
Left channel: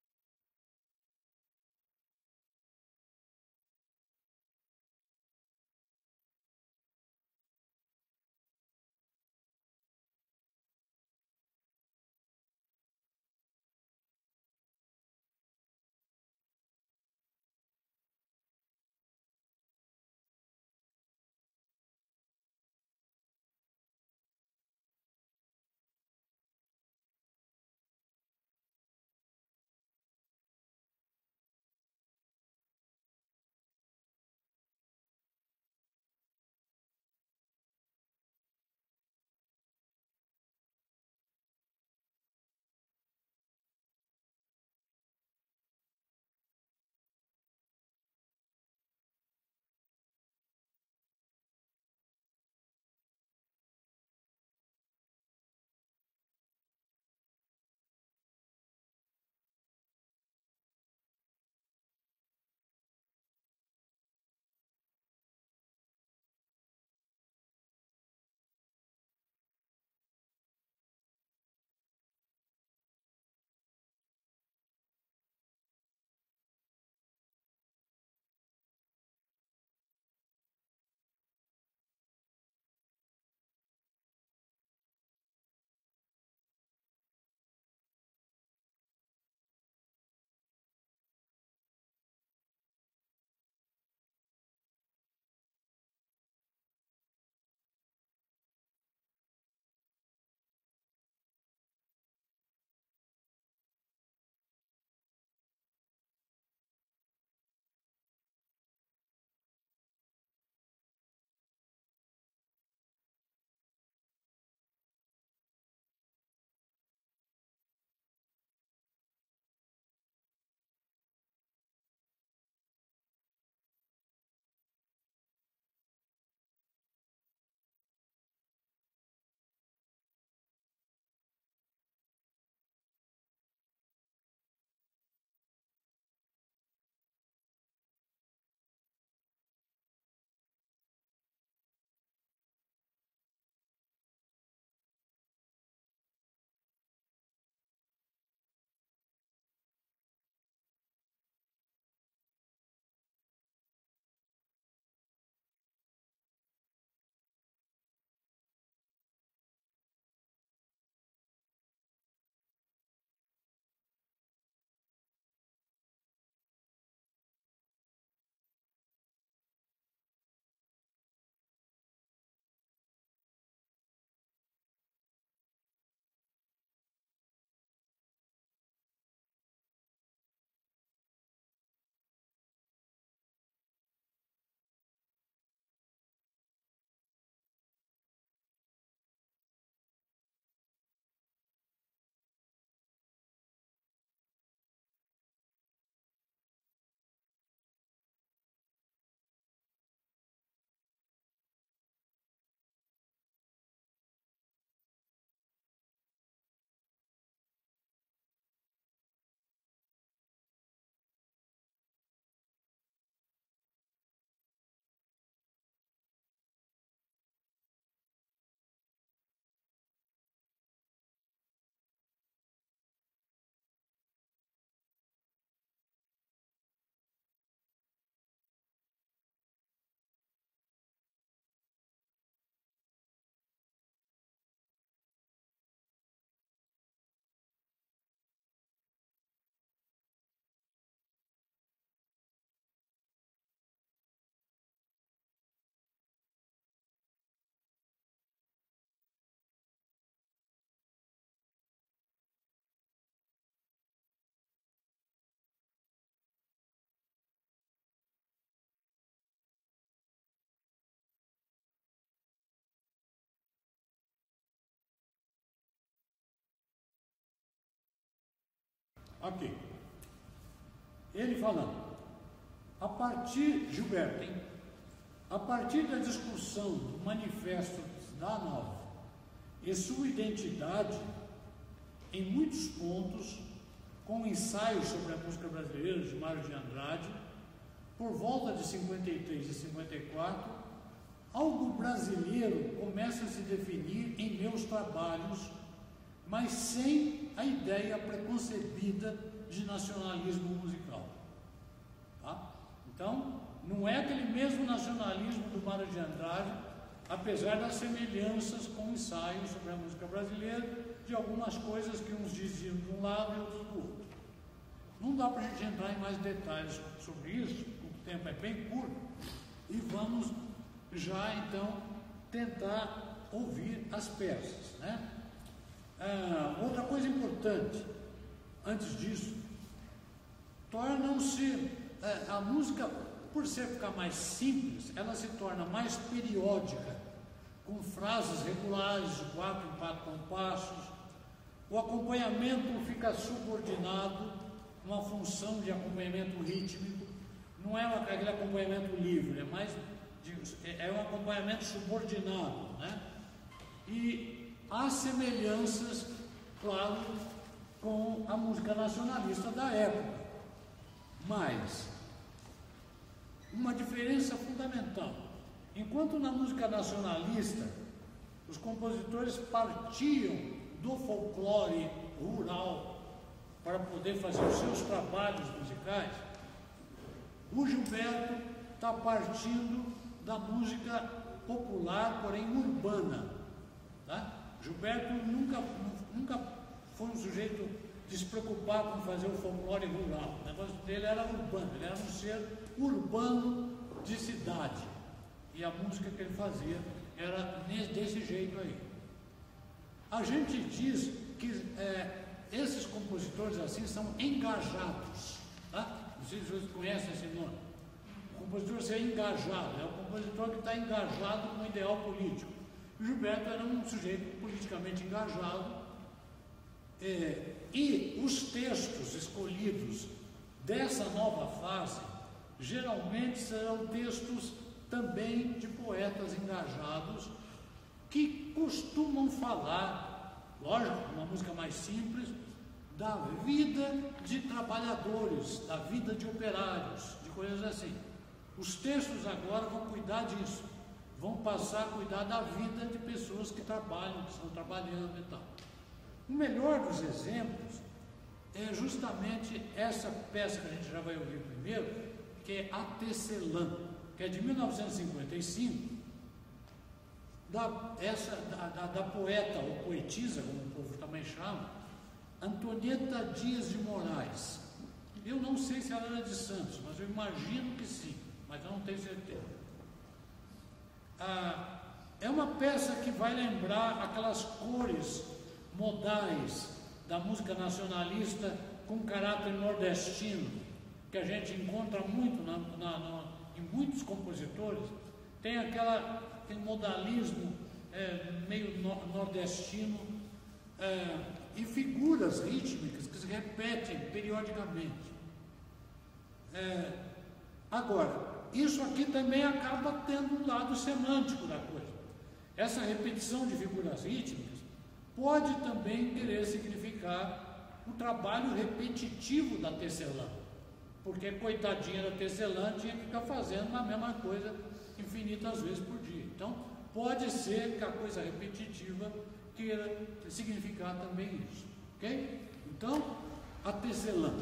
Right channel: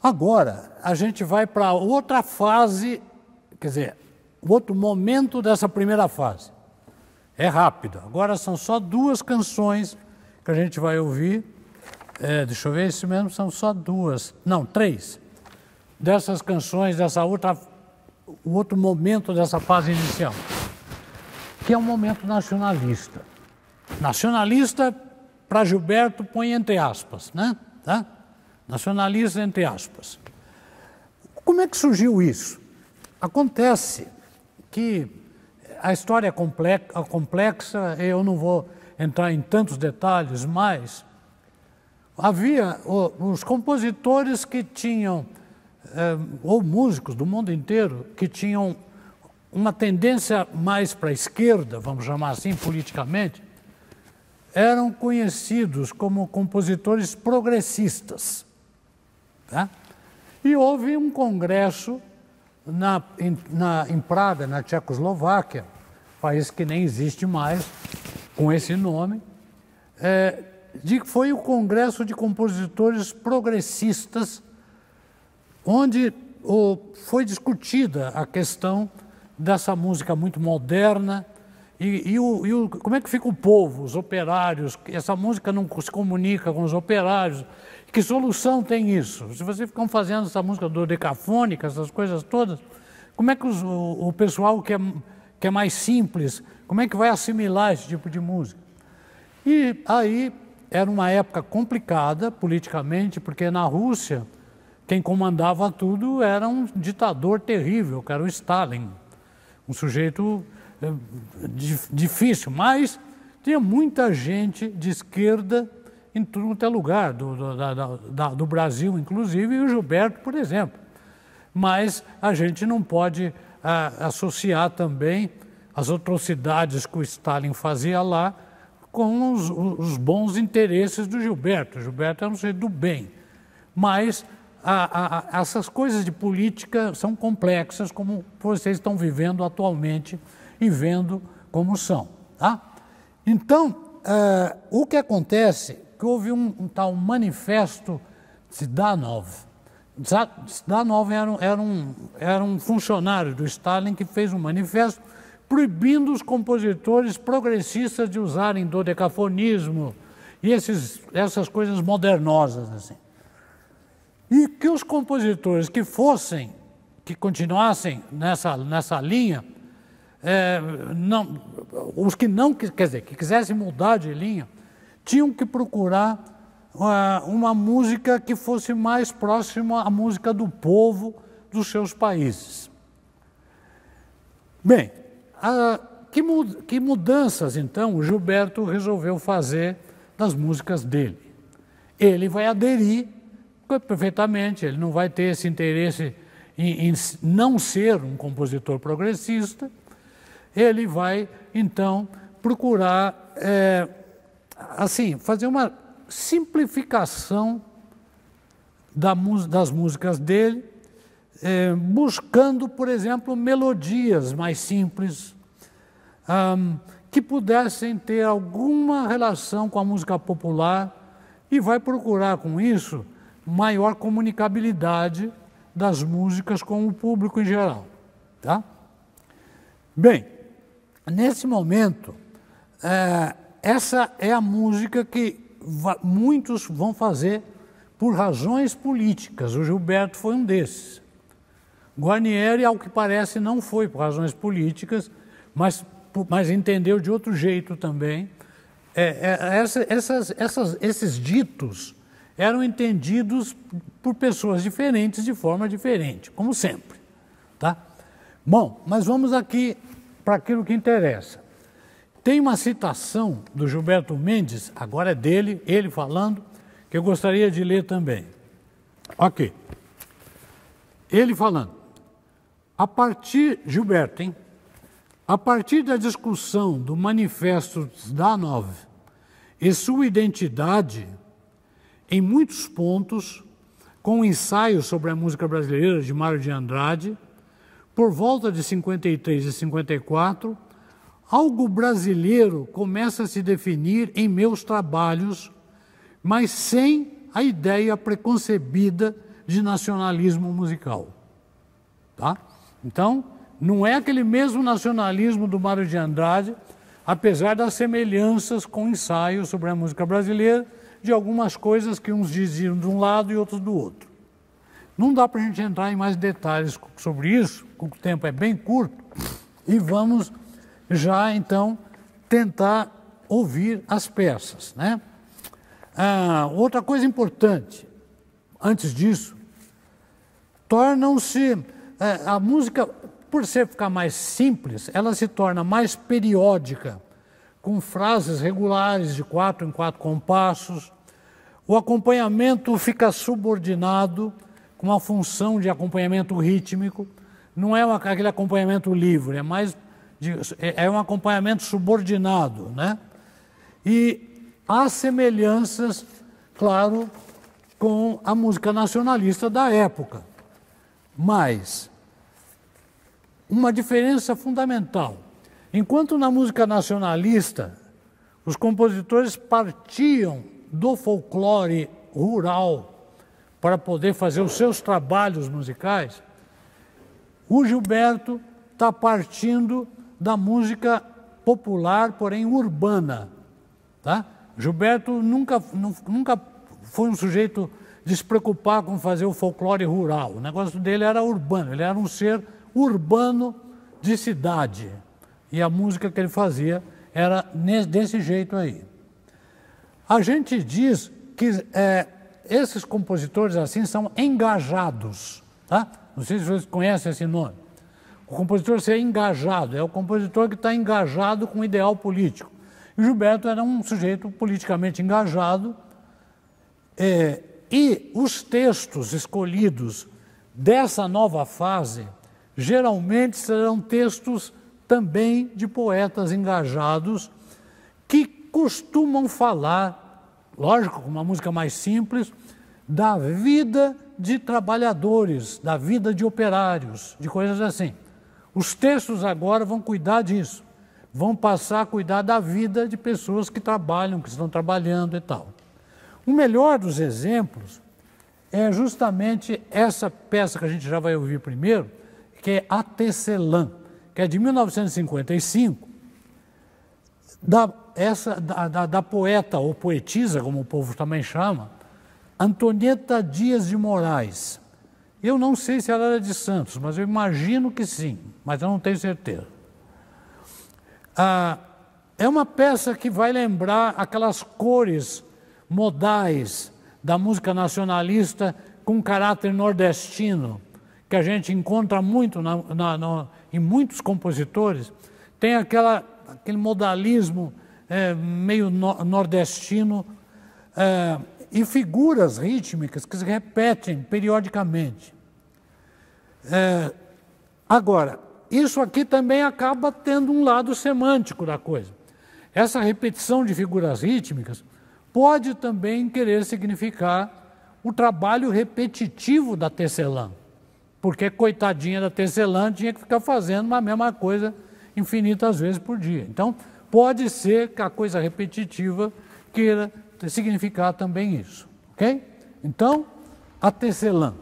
Agora, a gente vai para outra fase, quer dizer, outro momento dessa primeira fase. É rápido. Agora são só 2 canções que a gente vai ouvir. Deixa eu ver, isso mesmo, são só 2, não, 3. Dessas canções, o outro momento dessa fase inicial, que é um momento nacionalista. Nacionalista, para Gilberto, põe entre aspas, né? Tá? Nacionalista entre aspas. Como é que surgiu isso? Acontece que a história é complexa, eu não vou entrar em tantos detalhes, mas havia os compositores que tinham, ou músicos do mundo inteiro, que tinham uma tendência mais para a esquerda, vamos chamar assim politicamente, eram conhecidos como compositores progressistas. Tá? E houve um congresso em Praga, na Tchecoslováquia, país que nem existe mais, com esse nome, foi o Congresso de Compositores Progressistas, onde foi discutida a questão dessa música muito moderna como é que fica o povo, os operários, essa música não se comunica com os operários, que solução tem isso? Se vocês ficam fazendo essa música dodecafônica, essas coisas todas, como é que o pessoal que é mais simples, como é que vai assimilar esse tipo de música? E aí era uma época complicada politicamente, porque na Rússia quem comandava tudo era um ditador terrível, que era o Stalin, um sujeito difícil, mas tinha muita gente de esquerda em tudo quanto é lugar, do Brasil inclusive, e o Gilberto, por exemplo. Mas a gente não pode associar também as atrocidades que o Stalin fazia lá com os bons interesses do Gilberto. O Gilberto era um sujeito do bem, mas essas coisas de política são complexas, como vocês estão vivendo atualmente e vendo como são. Tá? Então, o que acontece é que houve um tal manifesto Zhdanov. Zhdanov era um funcionário do Stalin que fez um manifesto proibindo os compositores progressistas de usarem dodecafonismo e essas coisas modernosas, assim. E que os compositores que continuassem nessa linha, os que não, quer dizer, que quisessem mudar de linha, tinham que procurar uma música que fosse mais próxima à música do povo dos seus países. Bem, que mudanças, então, o Gilberto resolveu fazer das músicas dele? Ele vai aderir perfeitamente, ele não vai ter esse interesse em não ser um compositor progressista, ele vai, então, procurar, assim, fazer uma simplificação das músicas dele, buscando, por exemplo, melodias mais simples, que pudessem ter alguma relação com a música popular, e vai procurar, com isso, maior comunicabilidade das músicas com o público em geral. Tá? Bem, nesse momento, essa é a música que muitos vão fazer por razões políticas. O Gilberto foi um desses. Guarnieri, ao que parece, não foi por razões políticas, mas entendeu de outro jeito também. Esses ditos eram entendidos por pessoas diferentes de forma diferente, como sempre. Tá? Bom, mas vamos aqui para aquilo que interessa. Tem uma citação do Gilberto Mendes, agora é dele, ele falando, que eu gostaria de ler também. Ok. Ele falando, Gilberto, hein? A partir da discussão do Manifesto Zhdanov e sua identidade, em muitos pontos, com o ensaio sobre a música brasileira de Mário de Andrade, por volta de 53 e 54, algo brasileiro começa a se definir em meus trabalhos, mas sem a ideia preconcebida de nacionalismo musical. Tá? Então, não é aquele mesmo nacionalismo do Mário de Andrade, apesar das semelhanças com ensaios sobre a música brasileira, de algumas coisas que uns diziam de um lado e outros do outro. Não dá para a gente entrar em mais detalhes sobre isso, o tempo é bem curto, e vamos já, então, tentar ouvir as peças, né? Outra coisa importante, antes disso, tornam-se... a música, por ficar mais simples, ela se torna mais periódica, com frases regulares de 4 em 4 compassos. O acompanhamento fica subordinado, com uma função de acompanhamento rítmico. Não é aquele acompanhamento livre, é um acompanhamento subordinado, né? E há semelhanças, claro, com a música nacionalista da época. Mas uma diferença fundamental. Enquanto na música nacionalista os compositores partiam do folclore rural para poder fazer os seus trabalhos musicais, o Gilberto está partindo da música popular, porém urbana. Tá? Gilberto nunca foi um sujeito de se preocupar com fazer o folclore rural. O negócio dele era urbano, ele era um ser urbano de cidade. E a música que ele fazia era desse jeito aí. A gente diz que esses compositores assim são engajados, tá? Não sei se vocês conhecem esse nome. O compositor ser engajado, é o compositor que está engajado com o ideal político. E o Gilberto era um sujeito politicamente engajado, e os textos escolhidos dessa nova fase geralmente serão textos também de poetas engajados que costumam falar, lógico, com uma música mais simples, da vida de trabalhadores, da vida de operários, de coisas assim. Os textos agora vão cuidar disso, vão passar a cuidar da vida de pessoas que trabalham, que estão trabalhando e tal. O melhor dos exemplos é justamente essa peça que a gente já vai ouvir primeiro, que é A Tecelã, que é de 1955, da poeta ou poetisa, como o povo também chama, Antonieta Dias de Moraes. Eu não sei se ela era de Santos, mas eu imagino que sim, mas eu não tenho certeza. É uma peça que vai lembrar aquelas cores modais da música nacionalista com caráter nordestino, que a gente encontra muito em muitos compositores. Tem aquele modalismo meio nordestino e figuras rítmicas que se repetem periodicamente. Agora, isso aqui também acaba tendo um lado semântico da coisa. Essa repetição de figuras rítmicas pode também querer significar o trabalho repetitivo da tecelã, porque coitadinha da tecelã tinha que ficar fazendo a mesma coisa infinitas vezes por dia. Então, pode ser que a coisa repetitiva queira significar também isso, ok? Então, a tecelã.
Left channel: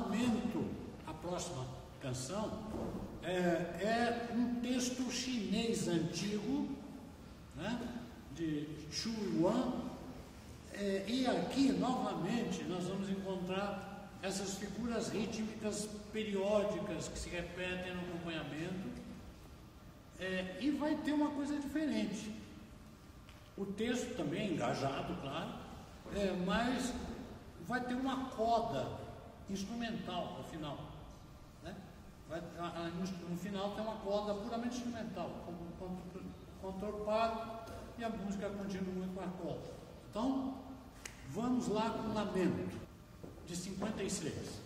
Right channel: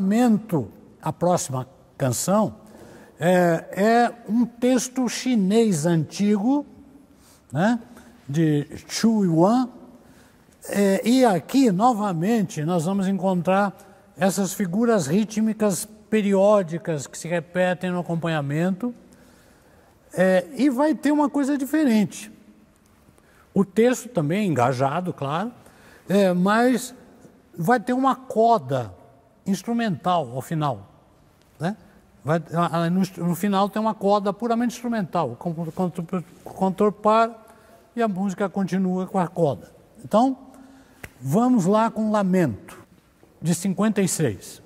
lamento, a próxima canção, é um texto chinês antigo, né, de Chu Yuan, e aqui, novamente, nós vamos encontrar essas figuras rítmicas periódicas que se repetem no acompanhamento, e vai ter uma coisa diferente. O texto também é engajado, claro, mas vai ter uma coda instrumental ao final, né? No final tem uma coda puramente instrumental, o cantor para e a música continua com a coda. Então, vamos lá com Lamento, de 56.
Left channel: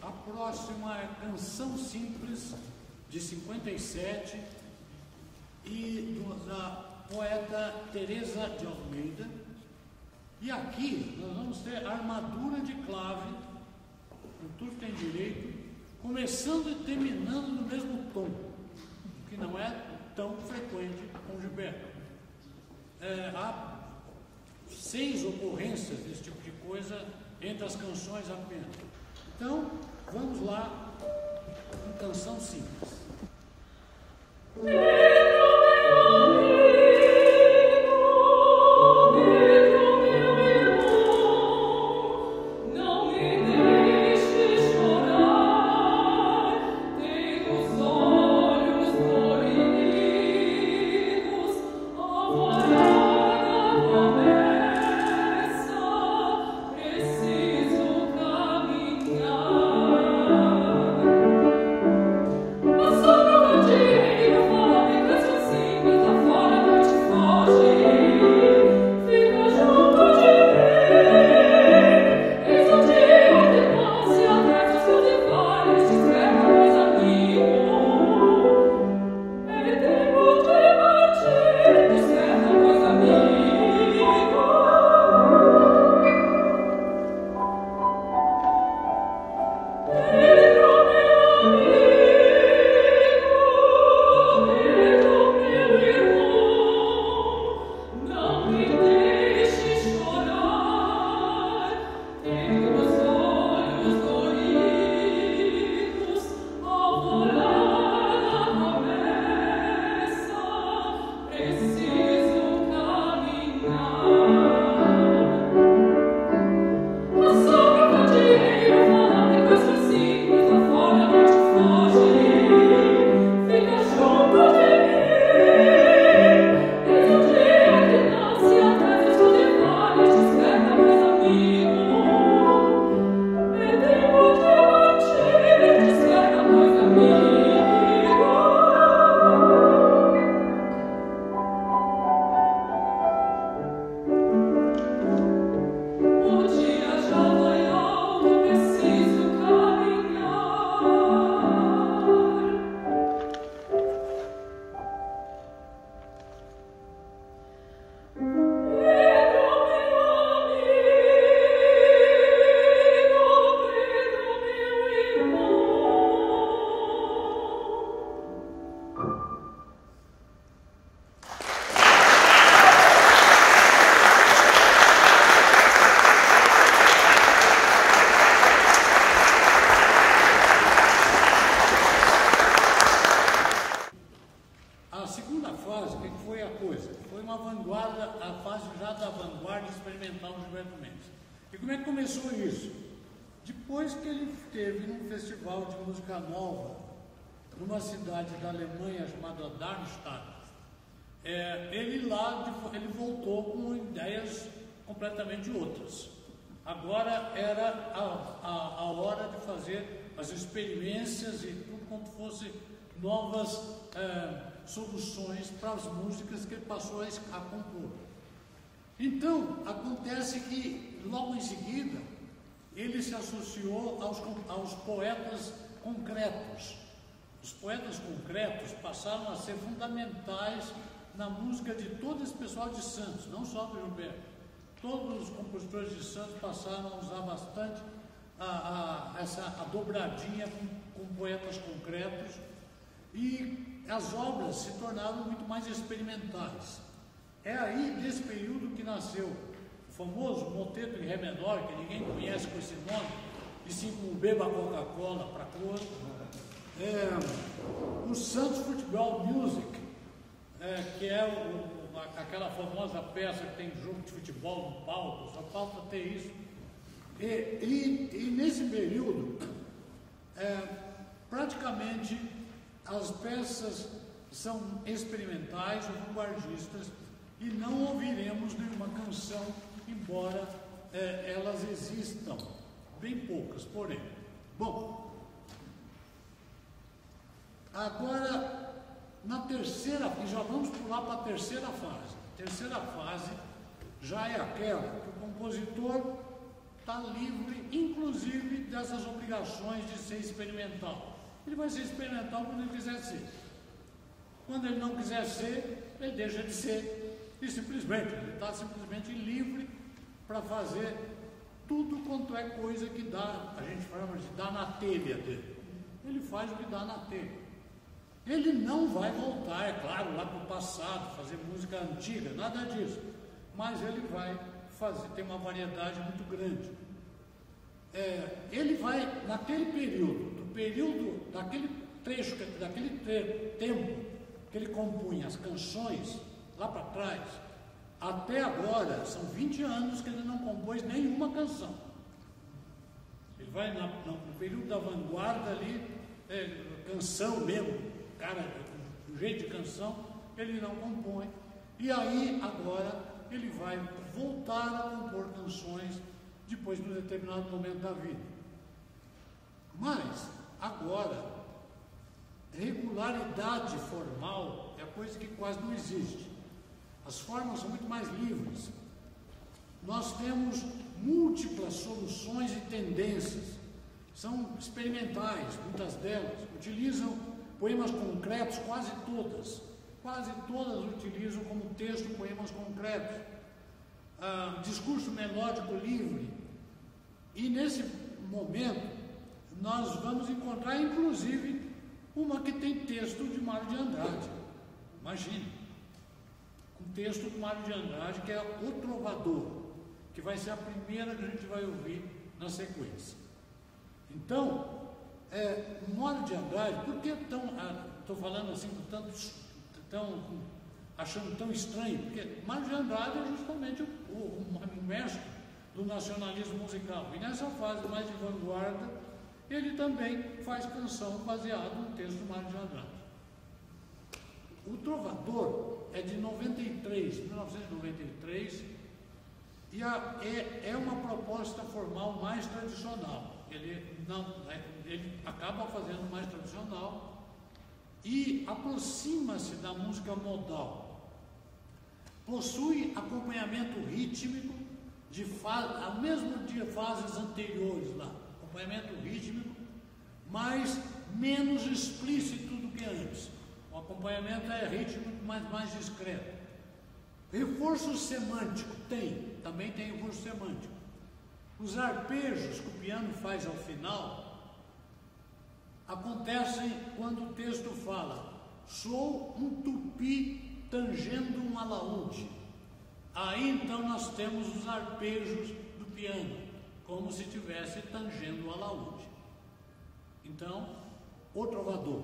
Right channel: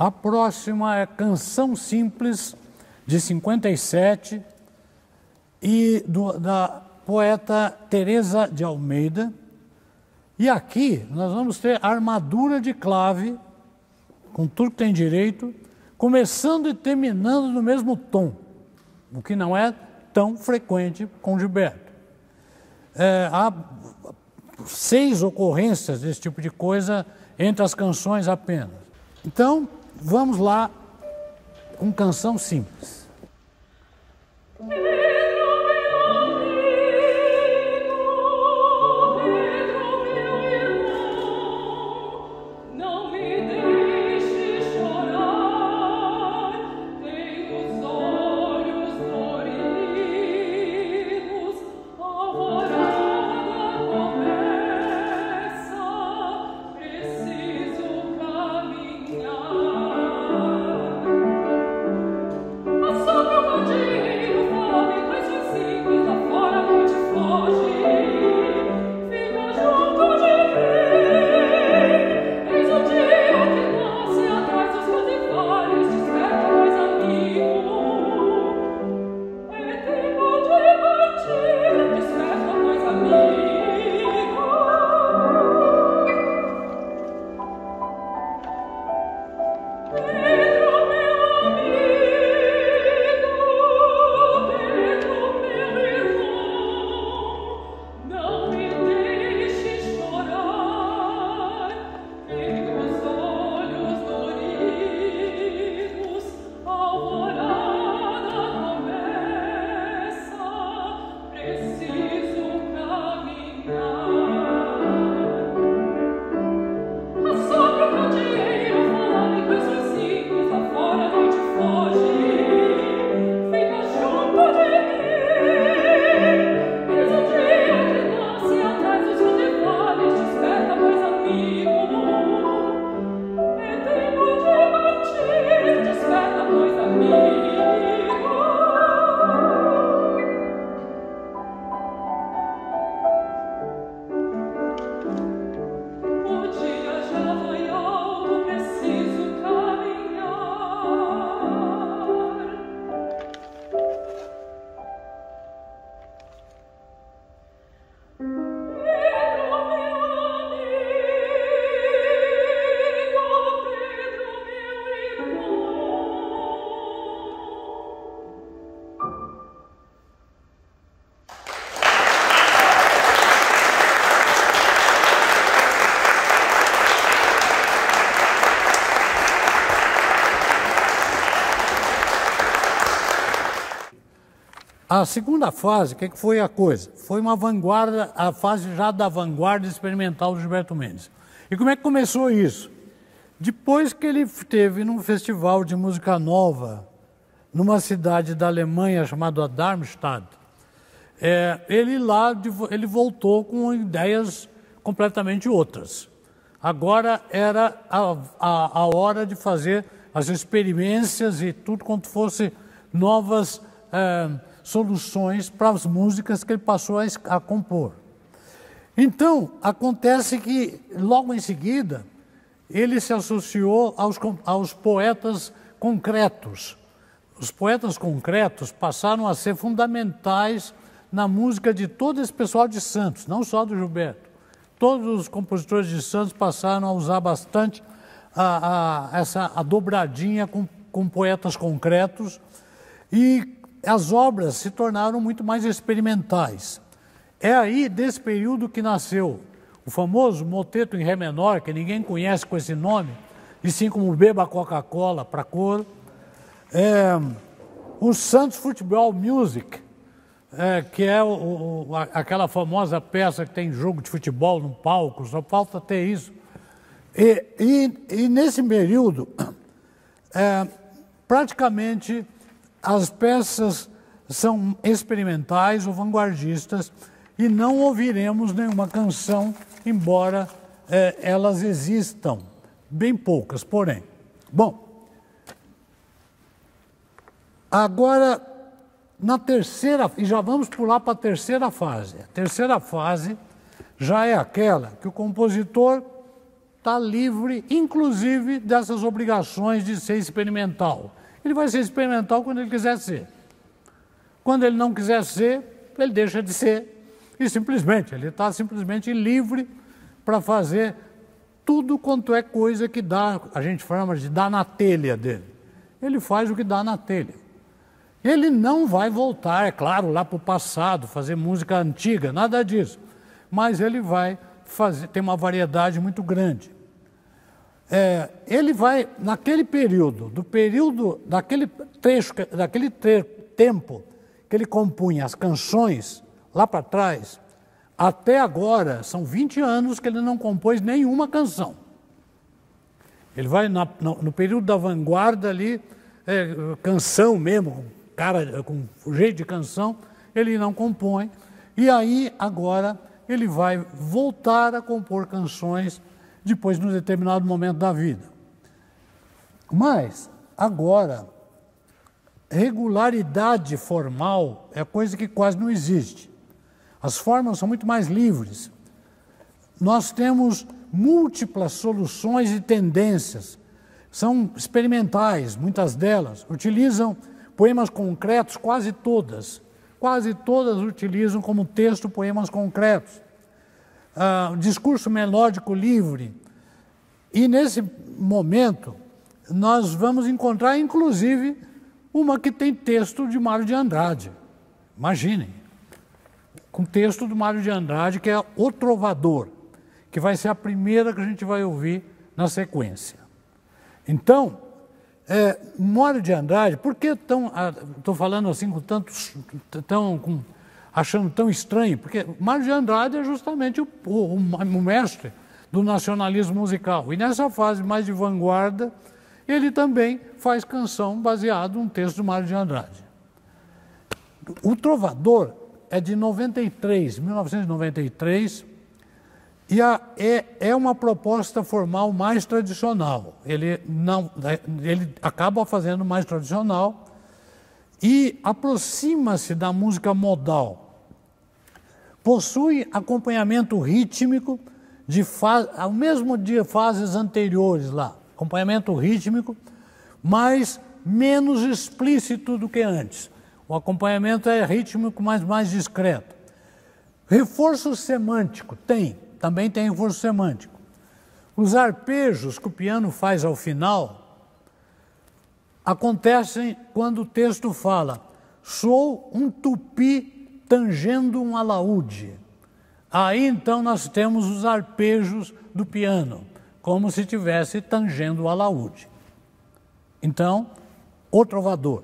A próxima é Canção Simples, de 57, e da poeta Teresa de Almeida. E aqui nós vamos ter armadura de clave, com tudo que tem direito, começando e terminando no mesmo tom, o que não é tão frequente com Gilberto. Há 6 ocorrências desse tipo de coisa entre as canções apenas. Então, vamos lá com Canção Simples. Oh, A segunda fase, o que foi a coisa? Foi uma vanguarda, a fase já da vanguarda experimental do Gilberto Mendes. E como é que começou isso? Depois que ele esteve num festival de música nova, numa cidade da Alemanha chamada Darmstadt, ele voltou com ideias completamente outras. Agora era a hora de fazer as experiências e tudo quanto fosse novas soluções para as músicas que ele passou a compor. Então, acontece que, logo em seguida, ele se associou aos poetas concretos. Os poetas concretos passaram a ser fundamentais na música de todo esse pessoal de Santos, não só do Gilberto. Todos os compositores de Santos passaram a usar bastante a dobradinha com poetas concretos, e as obras se tornaram muito mais experimentais. É aí, desse período, que nasceu o famoso moteto em Ré menor, que ninguém conhece com esse nome, e sim como Beba Coca-Cola para coro. O Santos Football Music, que é aquela famosa peça que tem jogo de futebol no palco, só falta ter isso. E nesse período, praticamente as peças são experimentais ou vanguardistas, e não ouviremos nenhuma canção, embora elas existam, bem poucas, porém. Bom, agora, na terceira, e já vamos pular para a terceira fase. A terceira fase já é aquela que o compositor está livre, inclusive, dessas obrigações de ser experimental. Ele vai ser experimental quando ele quiser ser. Quando ele não quiser ser, ele deixa de ser. E simplesmente, ele está simplesmente livre para fazer tudo quanto é coisa que dá, a gente chama de dar na telha dele. Ele faz o que dá na telha. Ele não vai voltar, é claro, lá para o passado, fazer música antiga, nada disso. Mas ele vai fazer, tem uma variedade muito grande. Ele vai, naquele período, daquele trecho, daquele tempo que ele compunha as canções, lá para trás, até agora, são 20 anos que ele não compôs nenhuma canção. Ele vai no período da vanguarda ali, canção mesmo, cara com jeito de canção, ele não compõe. E aí, agora, ele vai voltar a compor canções depois, num determinado momento da vida. Mas, agora, regularidade formal é coisa que quase não existe. As formas são muito mais livres. Nós temos múltiplas soluções e tendências. São experimentais, muitas delas. Utilizam poemas concretos, quase todas. Quase todas utilizam como texto poemas concretos. Discurso melódico livre. E nesse momento, nós vamos encontrar, inclusive, uma que tem texto de Mário de Andrade. Imaginem. Com texto do Mário de Andrade, que é O Trovador, que vai ser a primeira que a gente vai ouvir na sequência. Então, Mário de Andrade, por que estou falando assim achando tão estranho? Porque Mário de Andrade é justamente o mestre do nacionalismo musical. E nessa fase mais de vanguarda, ele também faz canção baseada num texto do Mário de Andrade. O Trovador é de 1993, e é uma proposta formal mais tradicional. Ele acaba fazendo mais tradicional e aproxima-se da música modal. Possui acompanhamento rítmico ao mesmo dia fases anteriores lá, acompanhamento rítmico, mas menos explícito do que antes. O acompanhamento é rítmico, mas mais discreto. Reforço semântico, também tem reforço semântico. Os arpejos que o piano faz ao final acontecem quando o texto fala: sou um tupi tangendo um alaúde. Aí então nós temos os arpejos do piano, como se estivesse tangendo o alaúde. Então, O Trovador.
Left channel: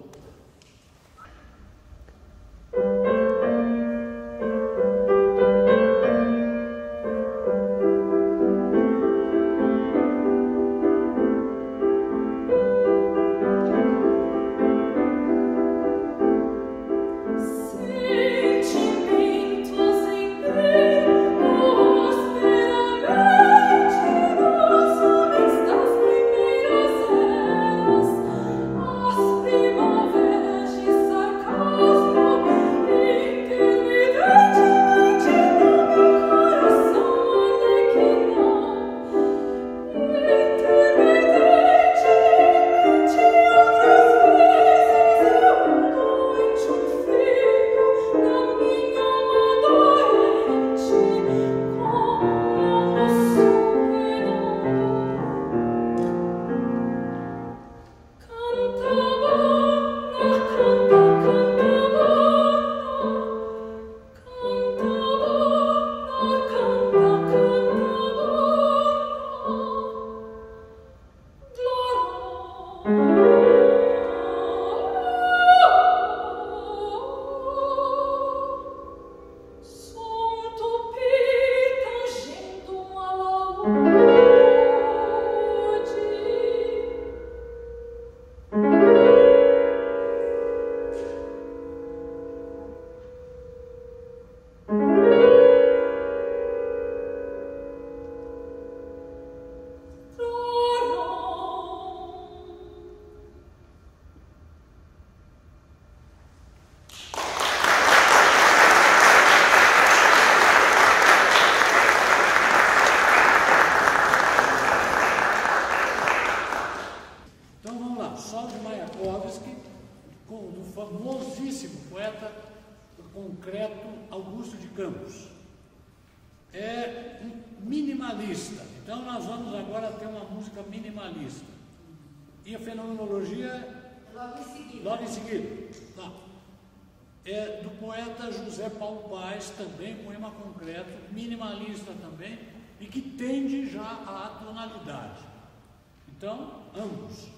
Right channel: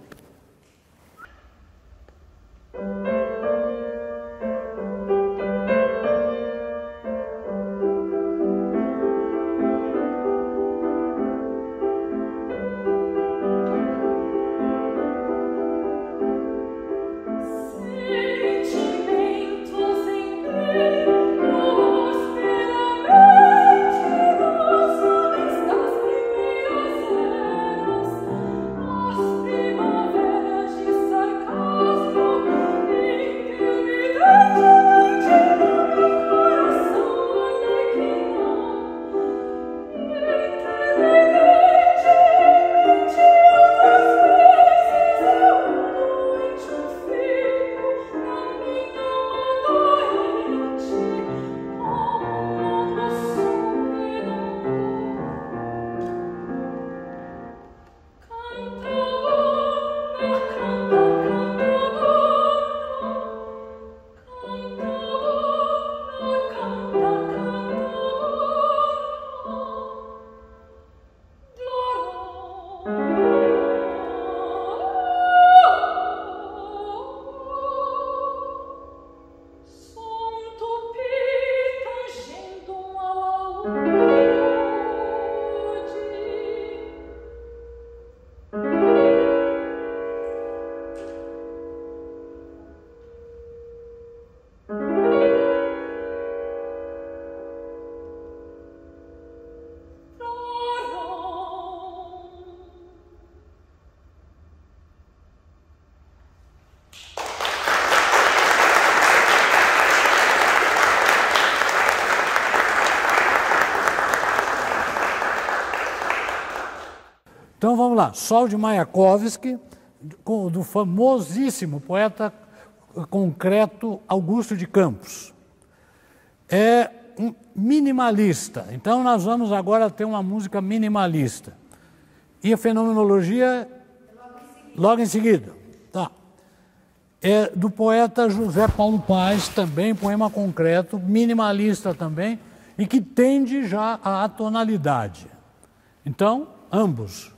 lá, Sol de Mayakovsky, do famosíssimo poeta concreto Augusto de Campos. É um minimalista, então nós vamos agora ter uma música minimalista. E a fenomenologia, logo em seguida. Tá. É do poeta José Paulo Paes, também poema concreto, minimalista também, e que tende já à atonalidade. Então, ambos.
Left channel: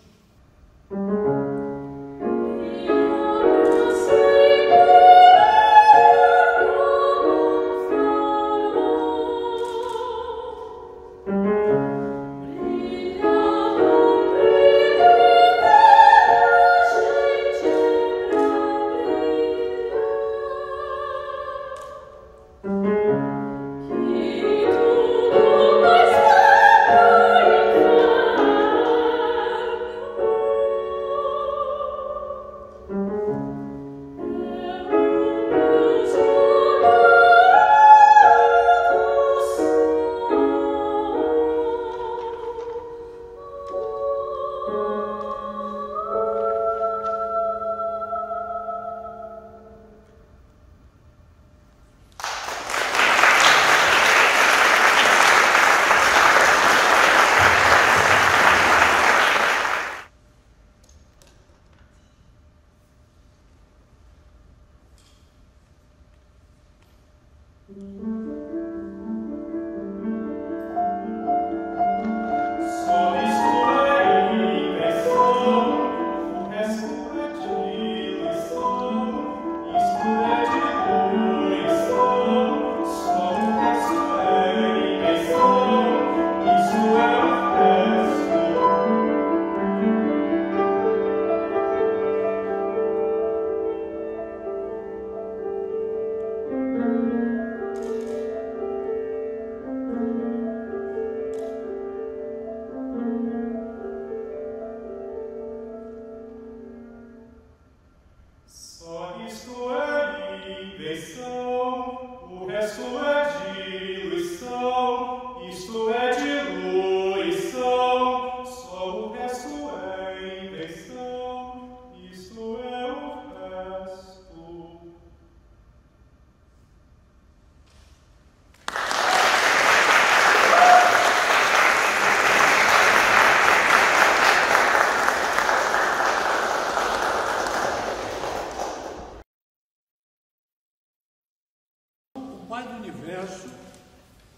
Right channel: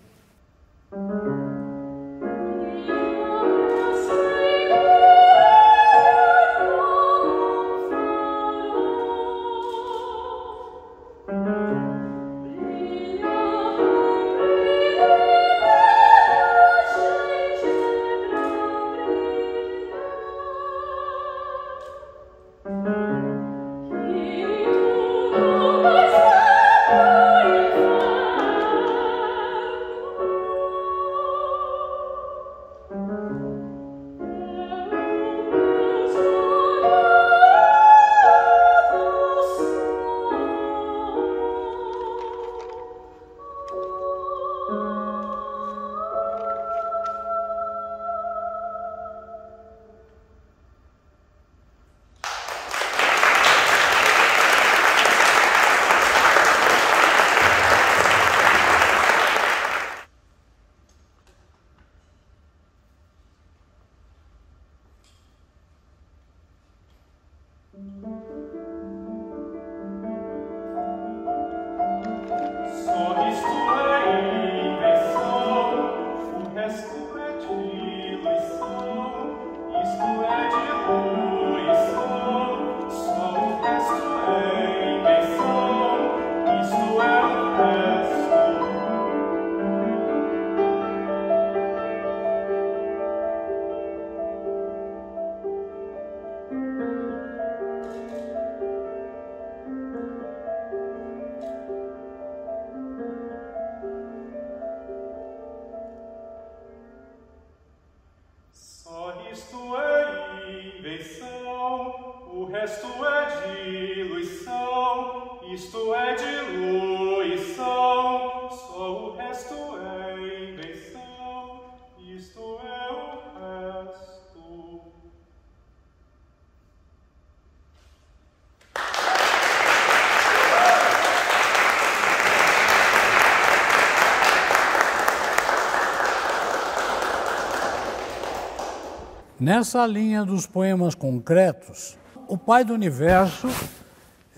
Nessa linha dos poemas concretos, O Pai do Universo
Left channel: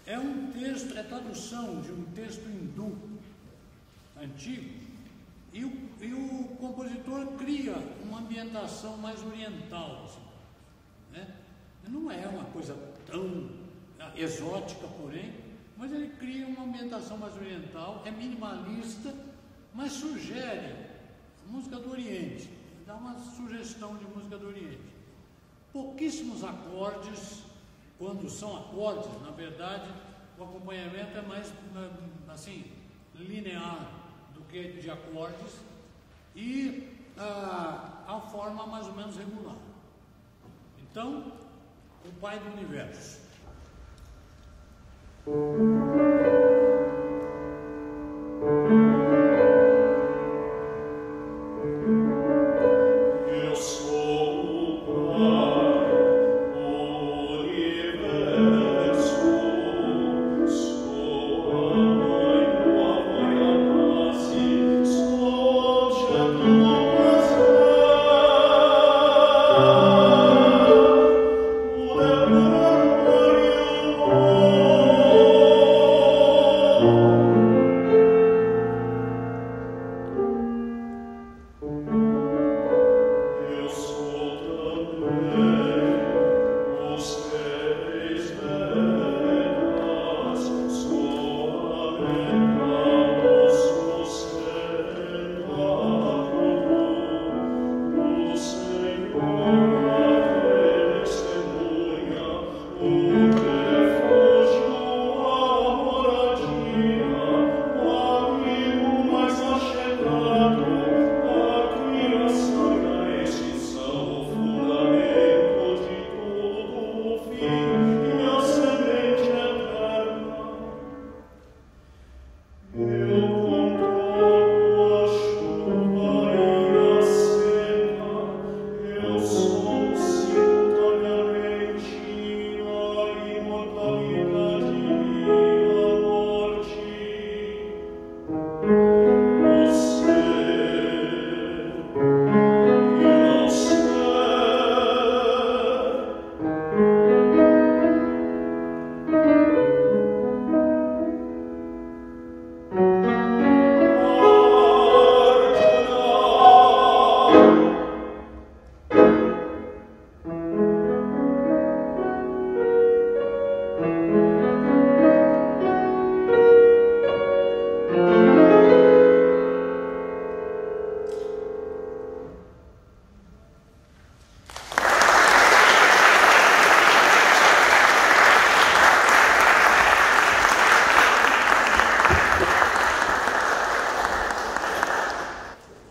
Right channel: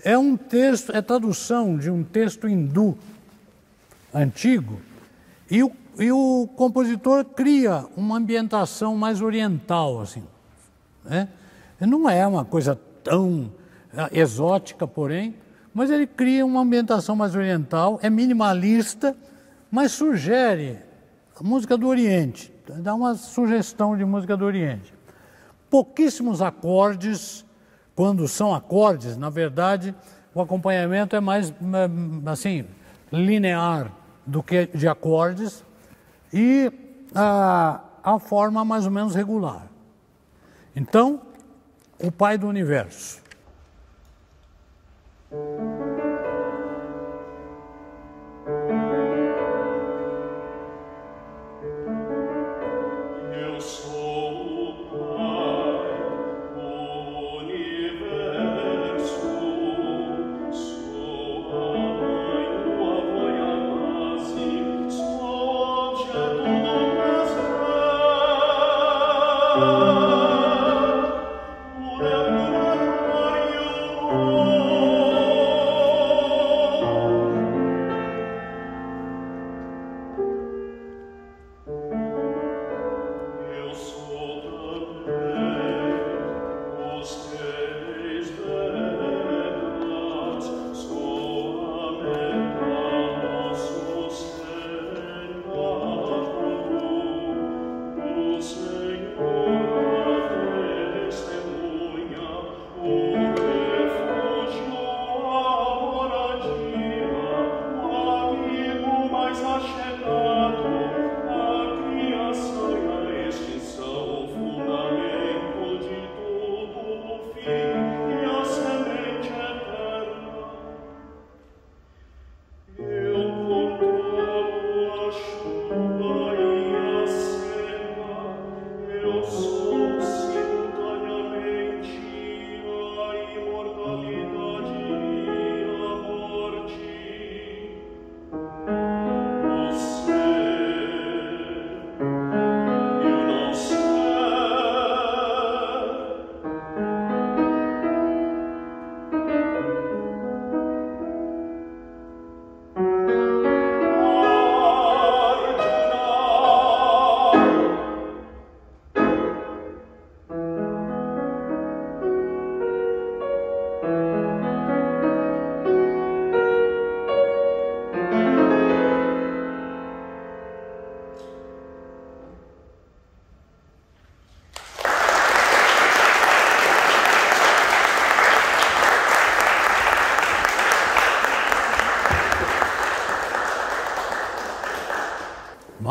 é um texto, é tradução de um texto hindu antigo, e o compositor cria uma ambientação mais oriental, assim, né? Não é uma coisa tão exótica, porém, mas ele cria uma ambientação mais oriental, é minimalista, mas sugere a música do Oriente, dá uma sugestão de música do Oriente. Pouquíssimos acordes, quando são acordes, na verdade, o acompanhamento é mais, assim, linear do que de acordes e a forma mais ou menos regular. Então, O Pai do Universo.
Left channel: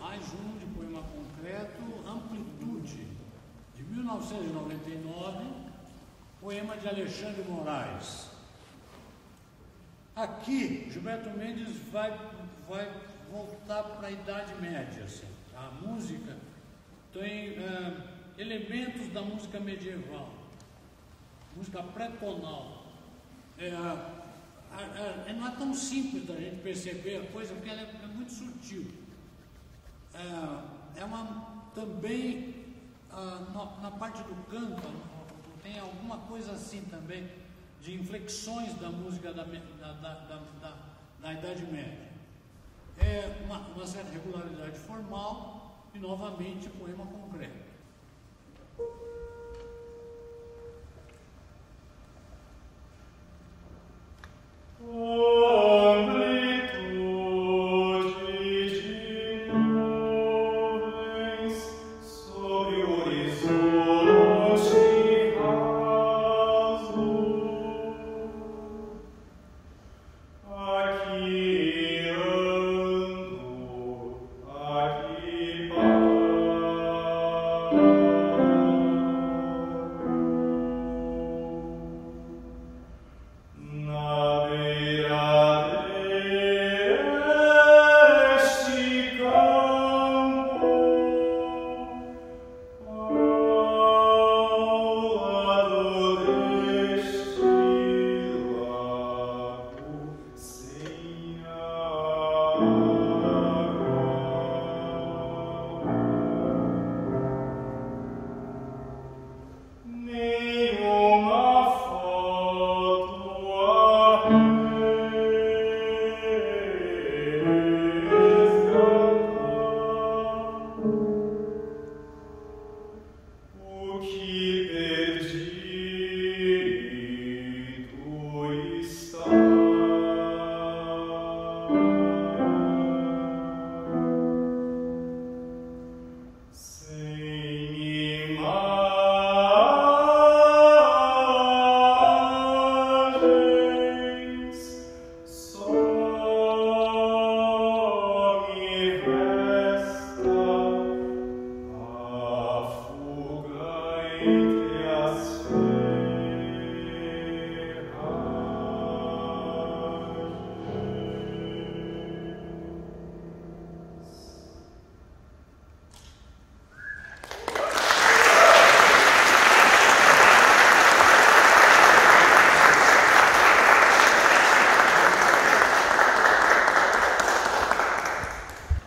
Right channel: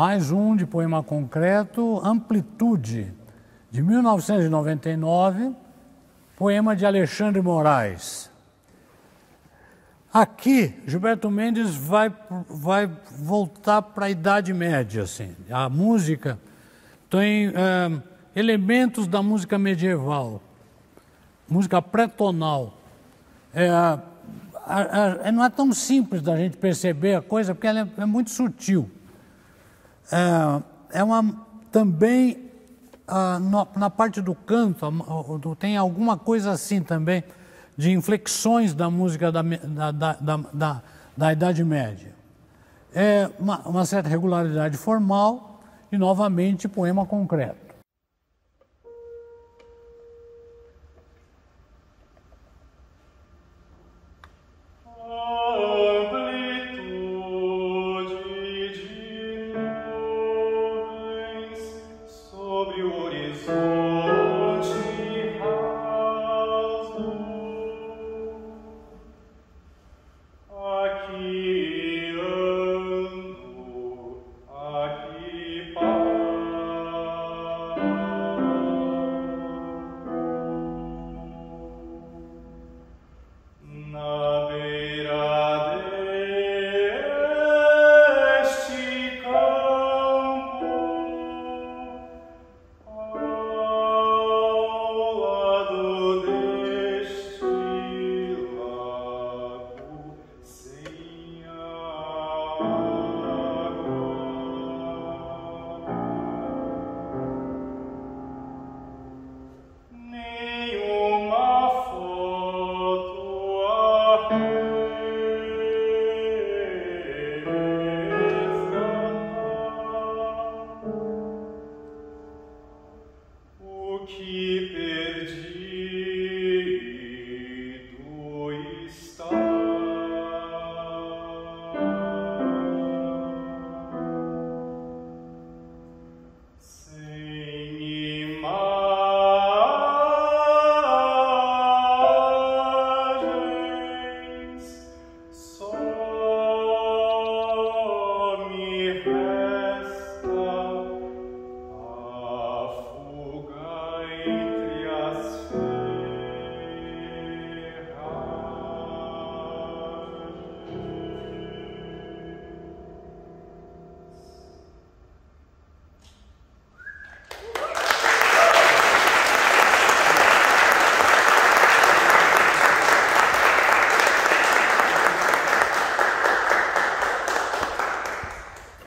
mais um de poema concreto, Amplitude, de 1999, poema de Alexandre Moraes. Aqui, Gilberto Mendes vai voltar para a Idade Média, assim. A música tem elementos da música medieval, música pré-tonal. Não é tão simples da gente perceber a coisa, porque ela é muito sutil. Também, na parte do canto, tem alguma coisa assim também, de inflexões da música da Idade Média. É uma certa regularidade formal e, novamente, poema concreto.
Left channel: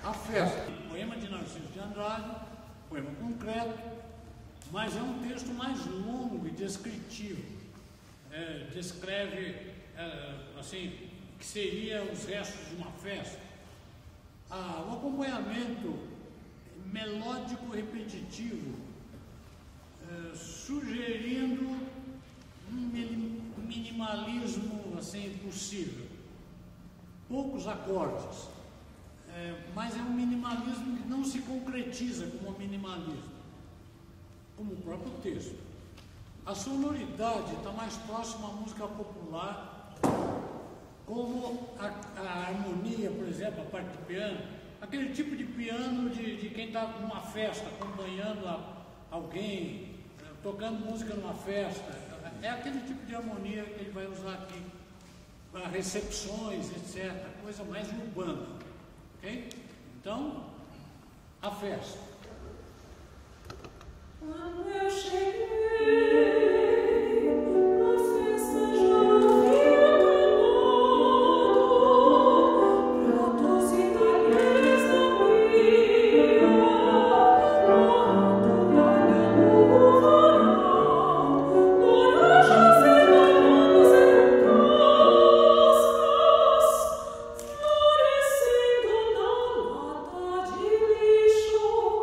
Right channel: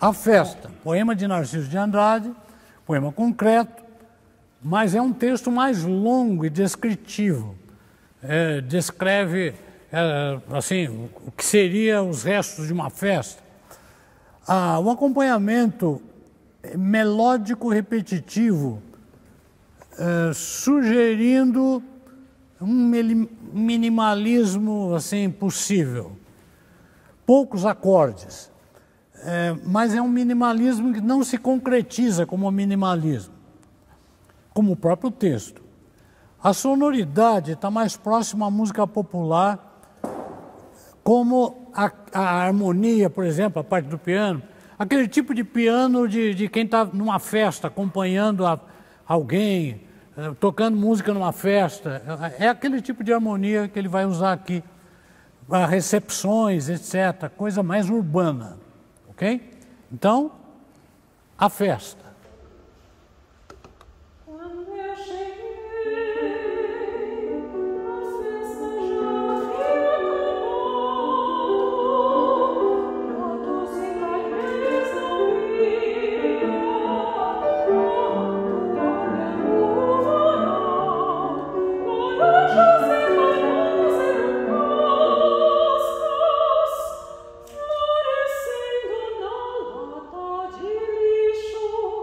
A Festa, poema de Narciso de Andrade, poema concreto, mas é um texto mais longo e descritivo. Descreve assim, o que seria os restos de uma festa. O acompanhamento melódico repetitivo, sugerindo um minimalismo assim, possível. Poucos acordes. Mas é um minimalismo que não se concretiza como minimalismo, como o próprio texto. A sonoridade está mais próxima à música popular, como a harmonia, por exemplo, a parte do piano, aquele tipo de piano de quem está numa festa, acompanhando alguém, tocando música numa festa. É aquele tipo de harmonia que ele vai usar aqui, para recepções, etc., coisa mais urbana. Ok? Então, a festa. Sure.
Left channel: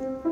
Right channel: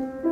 Música